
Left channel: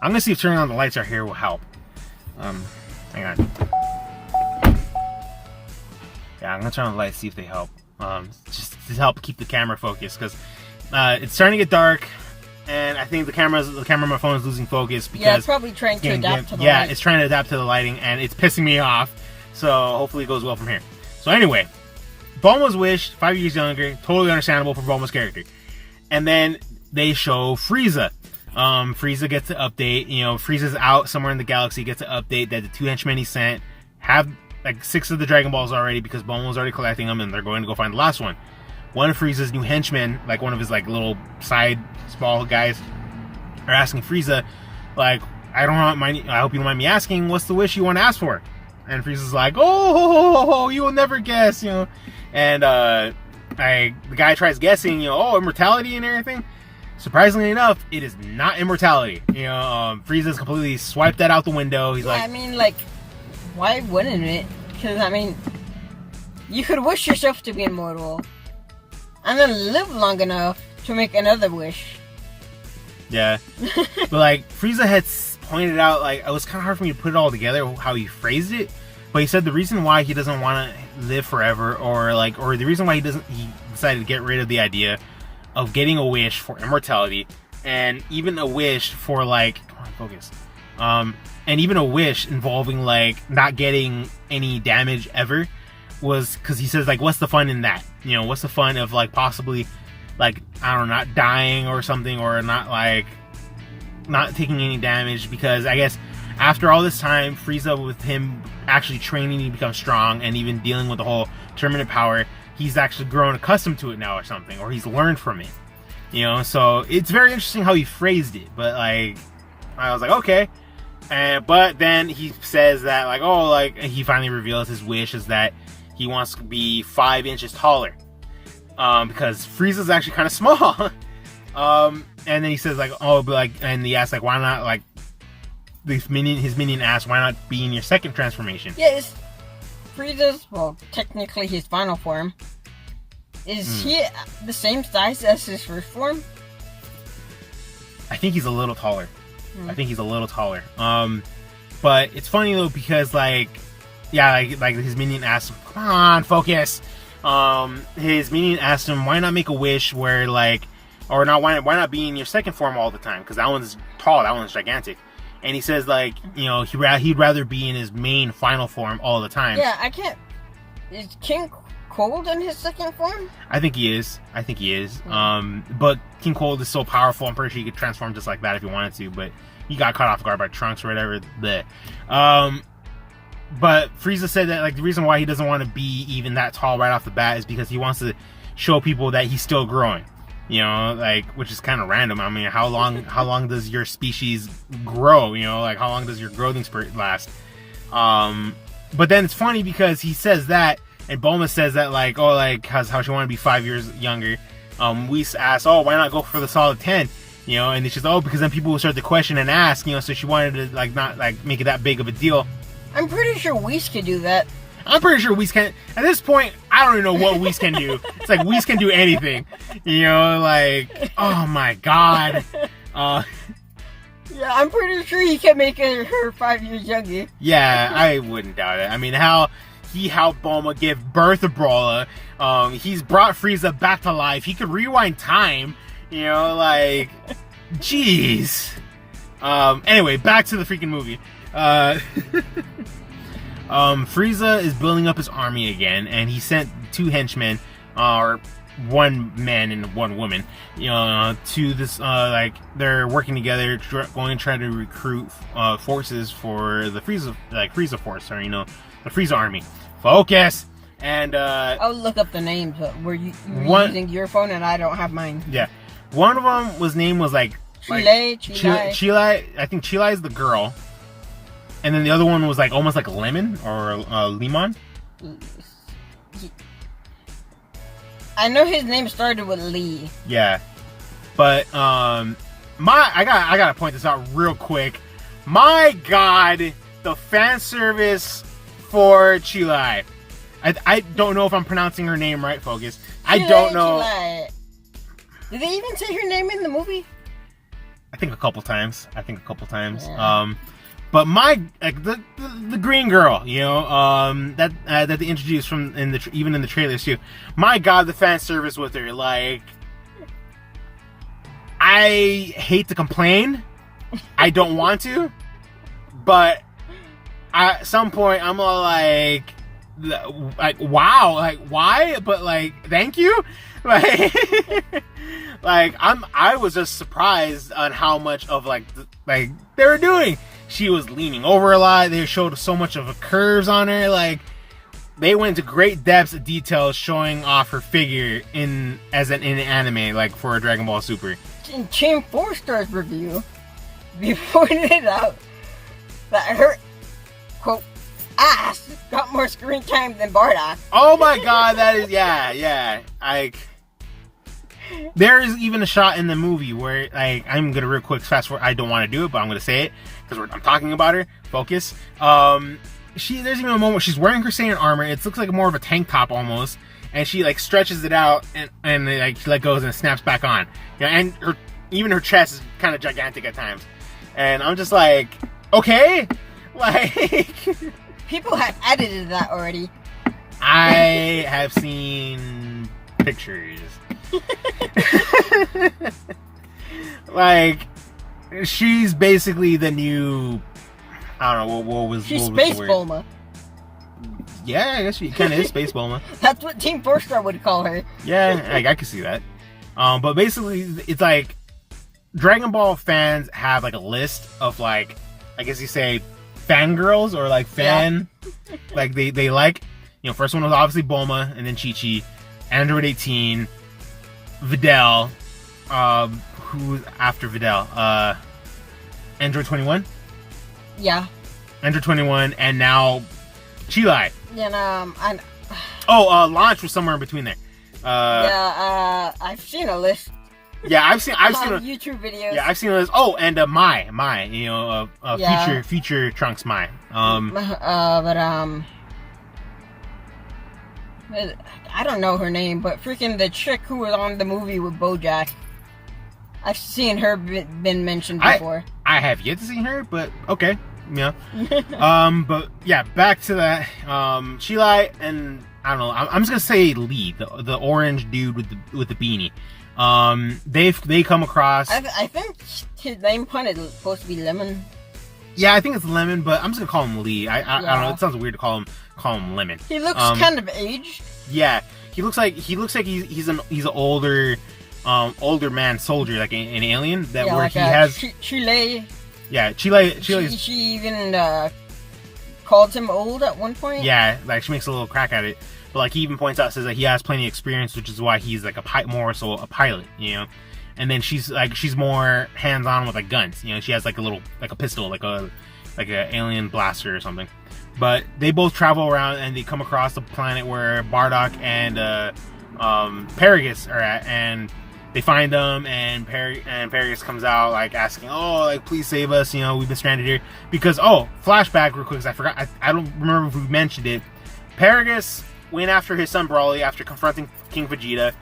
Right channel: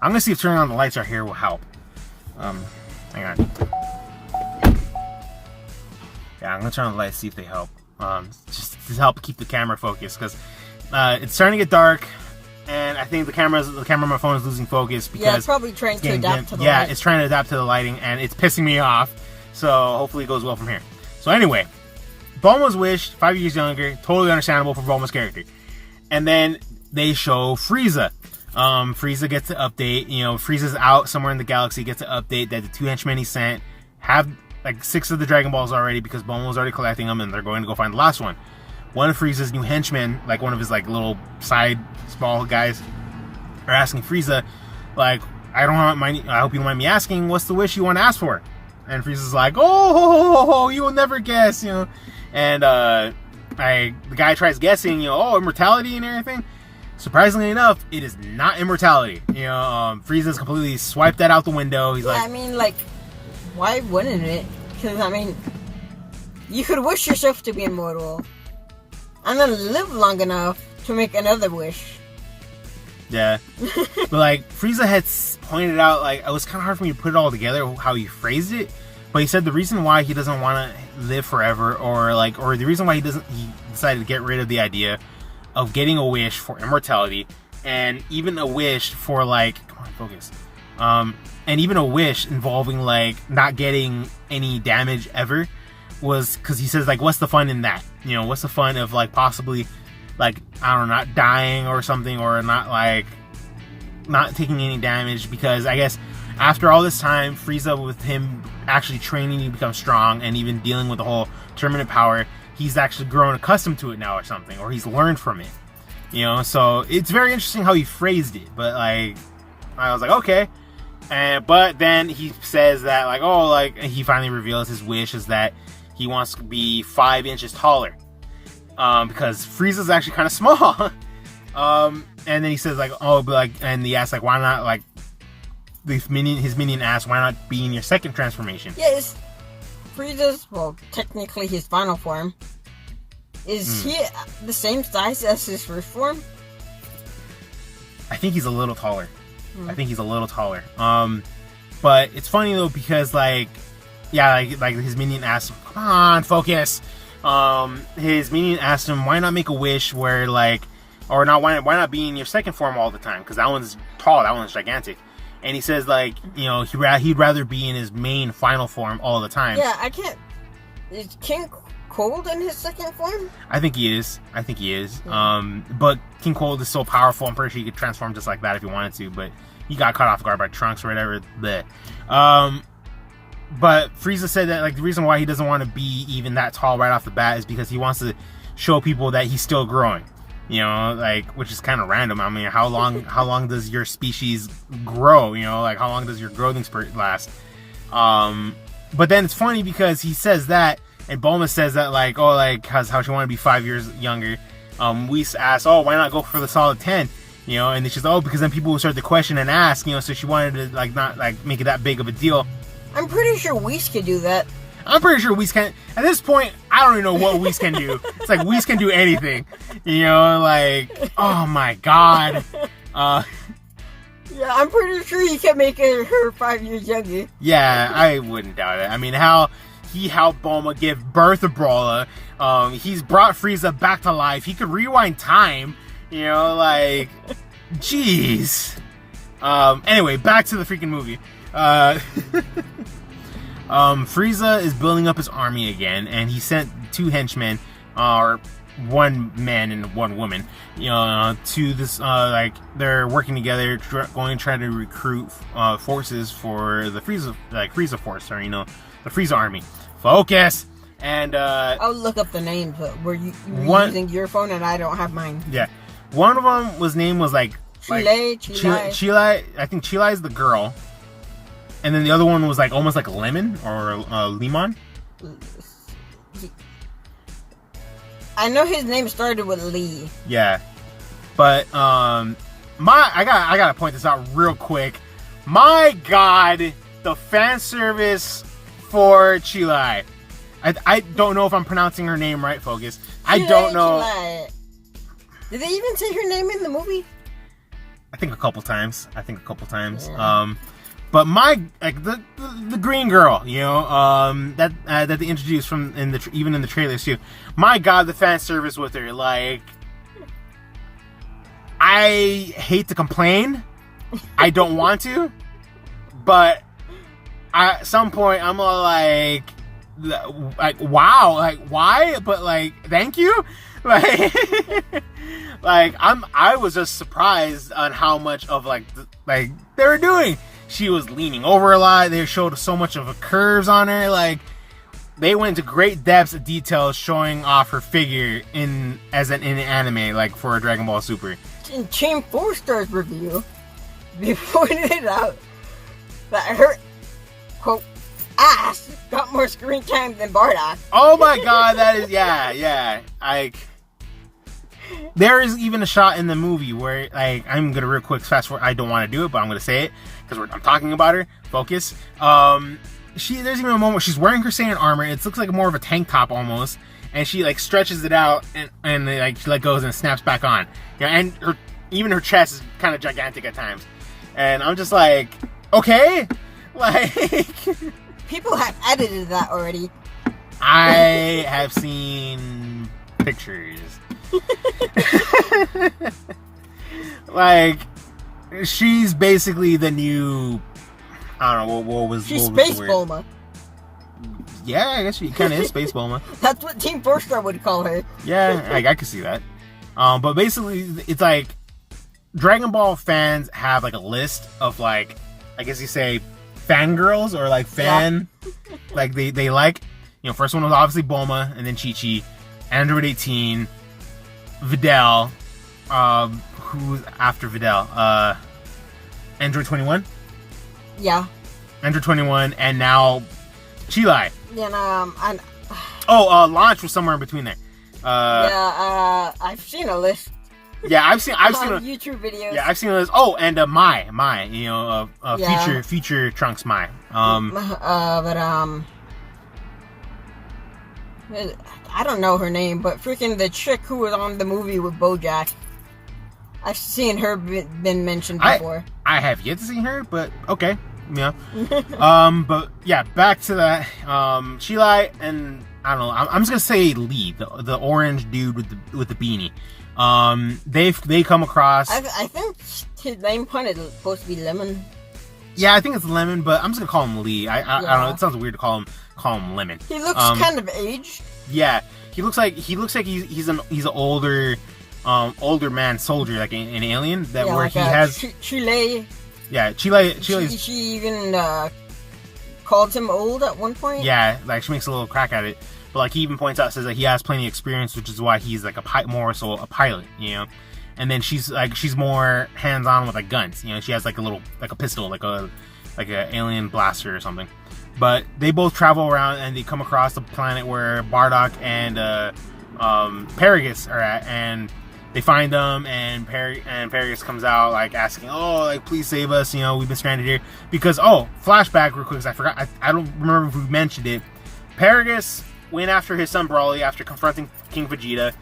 I'm gonna see if turning on the lights right here will help. Hang on. Yeah, I'm gonna turn on the lights, see if they help. Just to help keep the camera focused, because it's starting to get dark, and I think the camera on my phone is losing focus because it's probably trying to adapt to the light. Yeah, it's trying to adapt to the lighting, and it's pissing me off. So hopefully it goes well from here. So anyway, Bulma's wish, 5 years younger, totally understandable for Bulma's character. And then they show Frieza. Frieza gets an update. Frieza's out somewhere in the galaxy, gets an update that the 2 henchmen he sent have like 6 of the Dragon Balls already because Bulma was already collecting them, and they're going to go find the last one. One of Frieza's new henchmen, like one of his like little side small guys, are asking Frieza, like, I hope you don't mind me asking, what's the wish you want to ask for? And Frieza's like, oh, you will never guess, And the guy tries guessing, immortality and everything. Surprisingly enough, it is not immortality. Frieza's completely swiped that out the window. He's like, I mean, like, why wouldn't it? Because, I mean, you could wish yourself to be immortal and then live long enough to make another wish. Yeah. But, like, Frieza had pointed out, like, it was kind of hard for me to put it all together, how he phrased it. But he said the reason why he doesn't want to live forever, or the reason why he decided to get rid of the idea of getting a wish for immortality, and even a wish for come on, focus. And even a wish involving not getting any damage ever, was because he says what's the fun in that? What's the fun of possibly I don't know, not dying or something, or not not taking any damage, because I guess after all this time, Frieza, with him actually training to become strong and even dealing with the whole tournament power, he's actually grown accustomed to it now or something, or he's learned from it. So it's very interesting how he phrased it, but I was like, okay. But then he says that he finally reveals his wish is that he wants to be 5 inches taller, because Frieza's actually kind of small. And then he says and he asks why not his minion asks why not be in your second transformation. Yes, Frieza's technically his final form. Is he the same size as his first form? I think he's a little taller. But it's funny though, because his minion asked him, come on, focus. His minion asked him, why not make a wish where why not be in your second form all the time? Because that one's tall, that one's gigantic. And he says he'd rather be in his main final form all the time. Yeah, I can't. Is King Cold in his second form? I think he is. But King Cold is so powerful, I'm pretty sure he could transform just like that if he wanted to, but he got caught off guard by Trunks or whatever. But Frieza said that the reason why he doesn't want to be even that tall right off the bat is because he wants to show people that he's still growing. Which is kind of random. I mean, how long does your species grow? How long does your growing spurt last? But then it's funny because he says that, and Bulma says that how she want to be 5 years younger. Whis asks, why not go for the solid 10? And it's just, because then people will start to question and ask, so she wanted to not make it that big of a deal. I'm pretty sure Whis could do that. I'm pretty sure Whis can. At this point, I don't even know what Whis can do. It's Whis can do anything. Oh my god. Yeah, I'm pretty sure he can make her 5 years younger. Yeah, I wouldn't doubt it. I mean, he helped Bulma give birth to Brawler. He's brought Frieza back to life. He could rewind time. Jeez. Anyway, back to the freaking movie. Frieza is building up his army again, and he sent 2 henchmen, or 1 man and 1 woman, to this, they're working together, going to try to recruit, forces for the Frieza force, or, the Frieza army. Focus! And, I'll look up the names, but were you using your phone and I don't have mine? Yeah. One of them, name was, Chile. I think Chile is the girl. And then the other one was almost like Lemon or Limon. I know his name started with Lee. Yeah, but I gotta point this out real quick. My God, the fan service for Chile. I don't know if I'm pronouncing her name right, Focus. I don't know. Chile. Did they even say her name in the movie? I think a couple times. Yeah. But the green girl, that they introduced even in the trailers too. My God, the fan service with her, I hate to complain, I don't want to, but at some point I'm all wow, why? But thank you, I was just surprised on how much of they were doing. She was leaning over a lot. They showed so much of the curves on her. They went to great depths of detail showing off her figure in anime, for a Dragon Ball Super. In Team 4-Star's review, they pointed out that her, quote, ass got more screen time than Bardock. Oh my God, that is, yeah. There is even a shot in the movie where, I'm gonna real quick fast forward. I don't want to do it, but I'm gonna say it because I'm talking about her. Focus. There's even a moment where she's wearing her Saiyan armor. It looks like more of a tank top almost, and she stretches it out and she let goes and snaps back on. Yeah, and even her chest is kind of gigantic at times, and I'm just okay, People have edited that already. I have seen pictures. Like, she's basically the new. I don't know what was. She's what was Space the word? Bulma. Yeah, I guess she kind of is Space Bulma. That's what Team 4-Star would call her. Yeah, I can see that. But basically, it's like Dragon Ball fans have like a list of like, I guess you say, fangirls or like fan, like they like. You know, first one was obviously Bulma, and then Chi-Chi, Android 18, Videl, who's after Videl? Android 21? Yeah. Android 21, and now Chi-Lai. And Launch was somewhere in between there. I've seen a list. Yeah, I've seen on a, YouTube videos. yeah, I've seen a list. Oh, and Mai, you know, Yeah. future Trunks Mai. I don't know her name, but freaking the chick who was on the movie with BoJack. I've seen her been mentioned before. I have yet to see her, but okay, yeah. But yeah, back to that. Chi-Lai and I don't know. I'm just gonna say Lee, the orange dude with the beanie. They come across. I think his name pun is supposed to be Lemon. Yeah, I think it's Lemon, but I'm just gonna call him Lee. I don't know. It sounds weird to call him Lemon. He looks kind of aged. Yeah, he looks like he's an older man soldier, like an alien that where like he has. Chile. Yeah, Chile. She even called him old at one point. Yeah, like she makes a little crack at it. But like he even points out, says that he has plenty of experience, which is why he's like a pilot, you know. And then she's more hands on with like guns, you know. She has like a pistol, like a alien blaster or something. But they both travel around and they come across the planet where Bardock and Paragus are at, and they find them, and Paragus comes out like asking, "Oh, like please save us! You know, we've been stranded here." Because flashback real quick, 'cause I forgot. I don't remember if we mentioned it. Paragus went after his son Broly after confronting King Vegeta,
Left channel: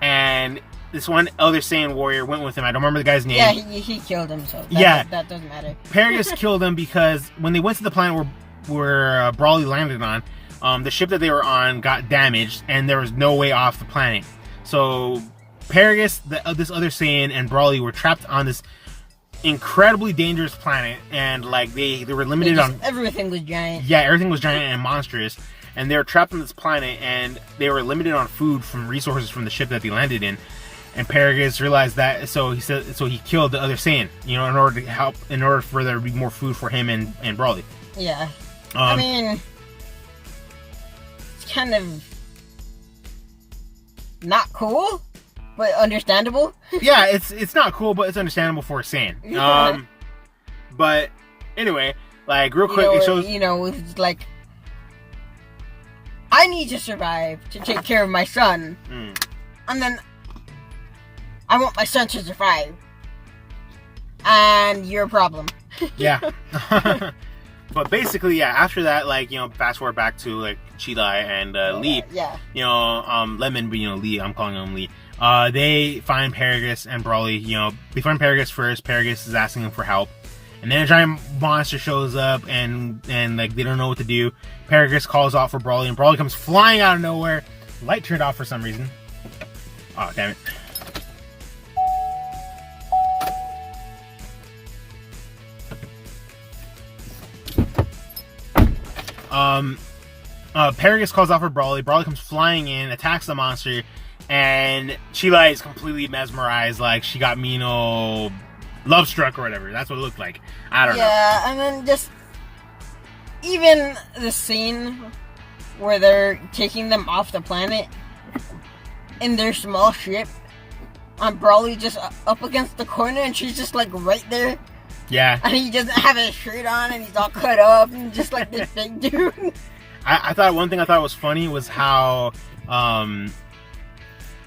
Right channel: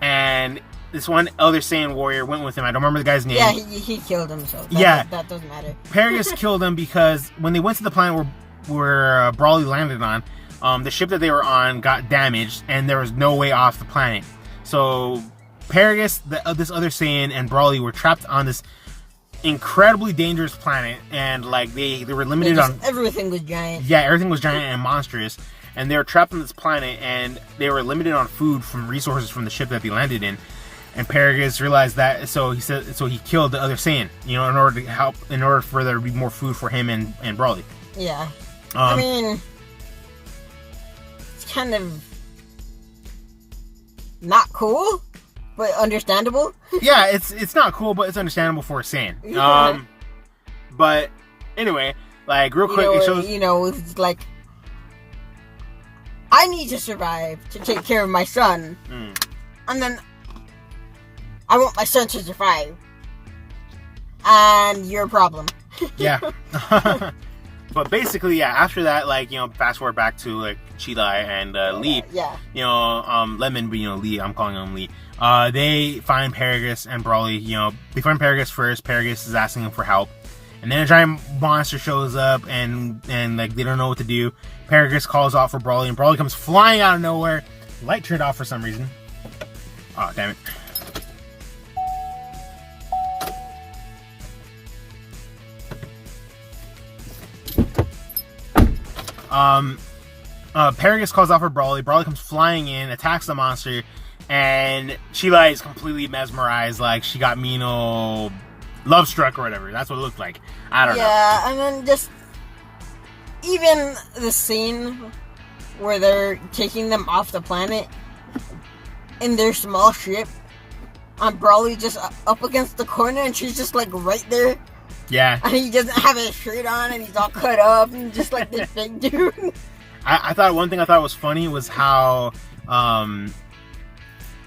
and this one other Saiyan warrior went with him. I don't remember the guy's name. Yeah, he killed him. So that doesn't matter. Paragus killed him because when they went to the planet where Broly landed on, the ship that they were on got damaged, and there was no way off the planet. So Paragus, this other Saiyan, and Broly were trapped on this incredibly dangerous planet, and like they were limited on everything was giant. Yeah, everything was giant and monstrous, and they were trapped on this planet, and they were limited on food from resources from the ship that they landed in. And Paragus realized that, so he killed the other Saiyan, you know, in order for there to be more food for him and Broly. Yeah. I mean, it's kind of not cool, but understandable. Yeah, it's not cool, but it's understandable for a Saiyan. But anyway, like real quick, it shows. You know, it's like I need to survive to take care of my son, and then I want my son to survive, and you're a problem. Yeah. But basically, yeah, after that, like, you know, fast forward back to, like, Chi-Lai and Lee. Yeah. You know, Lemon, but, you know, Lee, I'm calling him Lee. They find Paragus and Broly, you know, they find Paragus first. Paragus is asking him for help. And then a giant monster shows up, and like, they don't know what to do. Paragus calls out for Broly, and Broly comes flying out of nowhere. Light turned off for some reason. Oh, damn it. Paragus calls out for Broly. Broly comes flying in, attacks the monster, and Chi-Lai is completely mesmerized, like she got Mino love struck or whatever. That's what it looked like. I don't know. Yeah, and then just even the scene where they're taking them off the planet in their small ship, and Broly just up against the corner, and she's just like right there. Yeah. And he doesn't have his shirt on, and he's all cut up, and just like this big dude. I thought one thing I thought was funny was how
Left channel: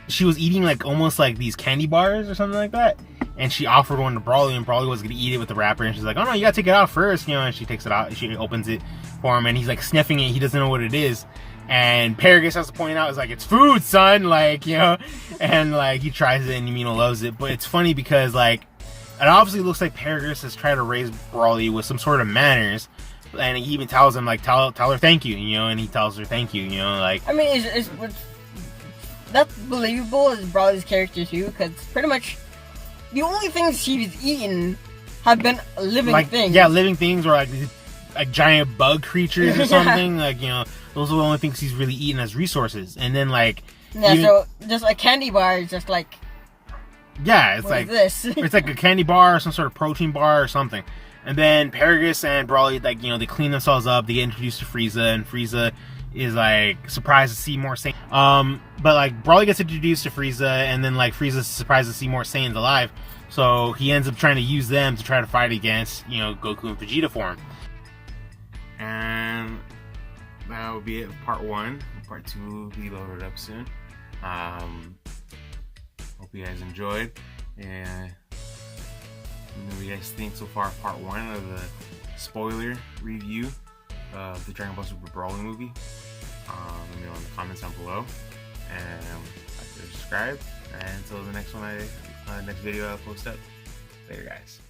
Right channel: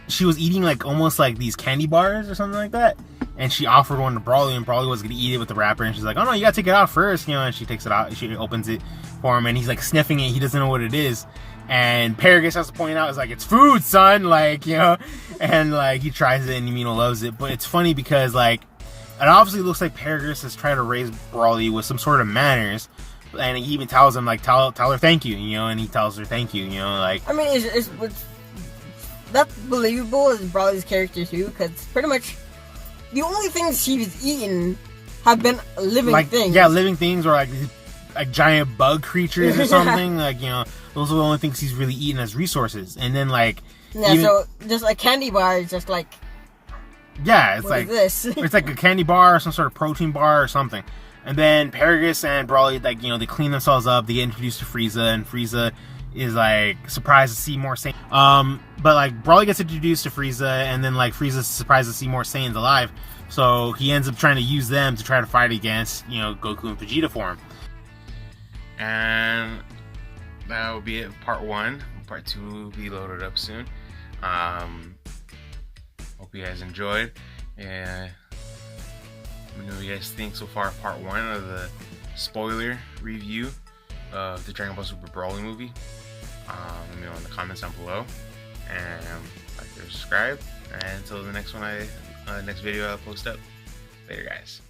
she was eating like almost like these candy bars or something like that, and she offered one to Broly, and Broly was gonna eat it with the wrapper, and she's like, "Oh no, you gotta take it out first," you know. And she takes it out, she opens it for him, and he's like sniffing it. He doesn't know what it is, and Paragus has to point out, "It's like it's food, son," like, you know, and like he tries it, and Yamino loves it. But it's funny because like it obviously looks like Paragus has tried to raise Broly with some sort of manners, And he even tells him, like, tell her thank you, you know, and he tells her thank you, you know, like... I mean, it's that's believable as Broly's character, too, because pretty much the only things he's eaten have been living things. Yeah, living things, or like giant bug creatures or something. Like, you know, those are the only things he's really eaten as resources. And then, like... Yeah, so just a candy bar is just like... Yeah, it's what like... is this? It's like a candy bar or some sort of protein bar or something. And then Paragus and Broly, like, you know, they clean themselves up. They get introduced to Frieza, and Frieza is, like, surprised to see more Saiyans. But, like, Broly gets introduced to Frieza, and then, like, Frieza's surprised to see more Saiyans alive. So he ends up trying to use them to try to fight against, you know, Goku and Vegeta for him. And that will be it, part 1. Part 2 will be loaded up soon. Hope you guys enjoyed. And let me know what you guys think so far, part 1 of the spoiler review of the Dragon Ball Super Broly movie. Let me know in the comments down below, and like and subscribe. And until the next one, next video I post up. Later, guys.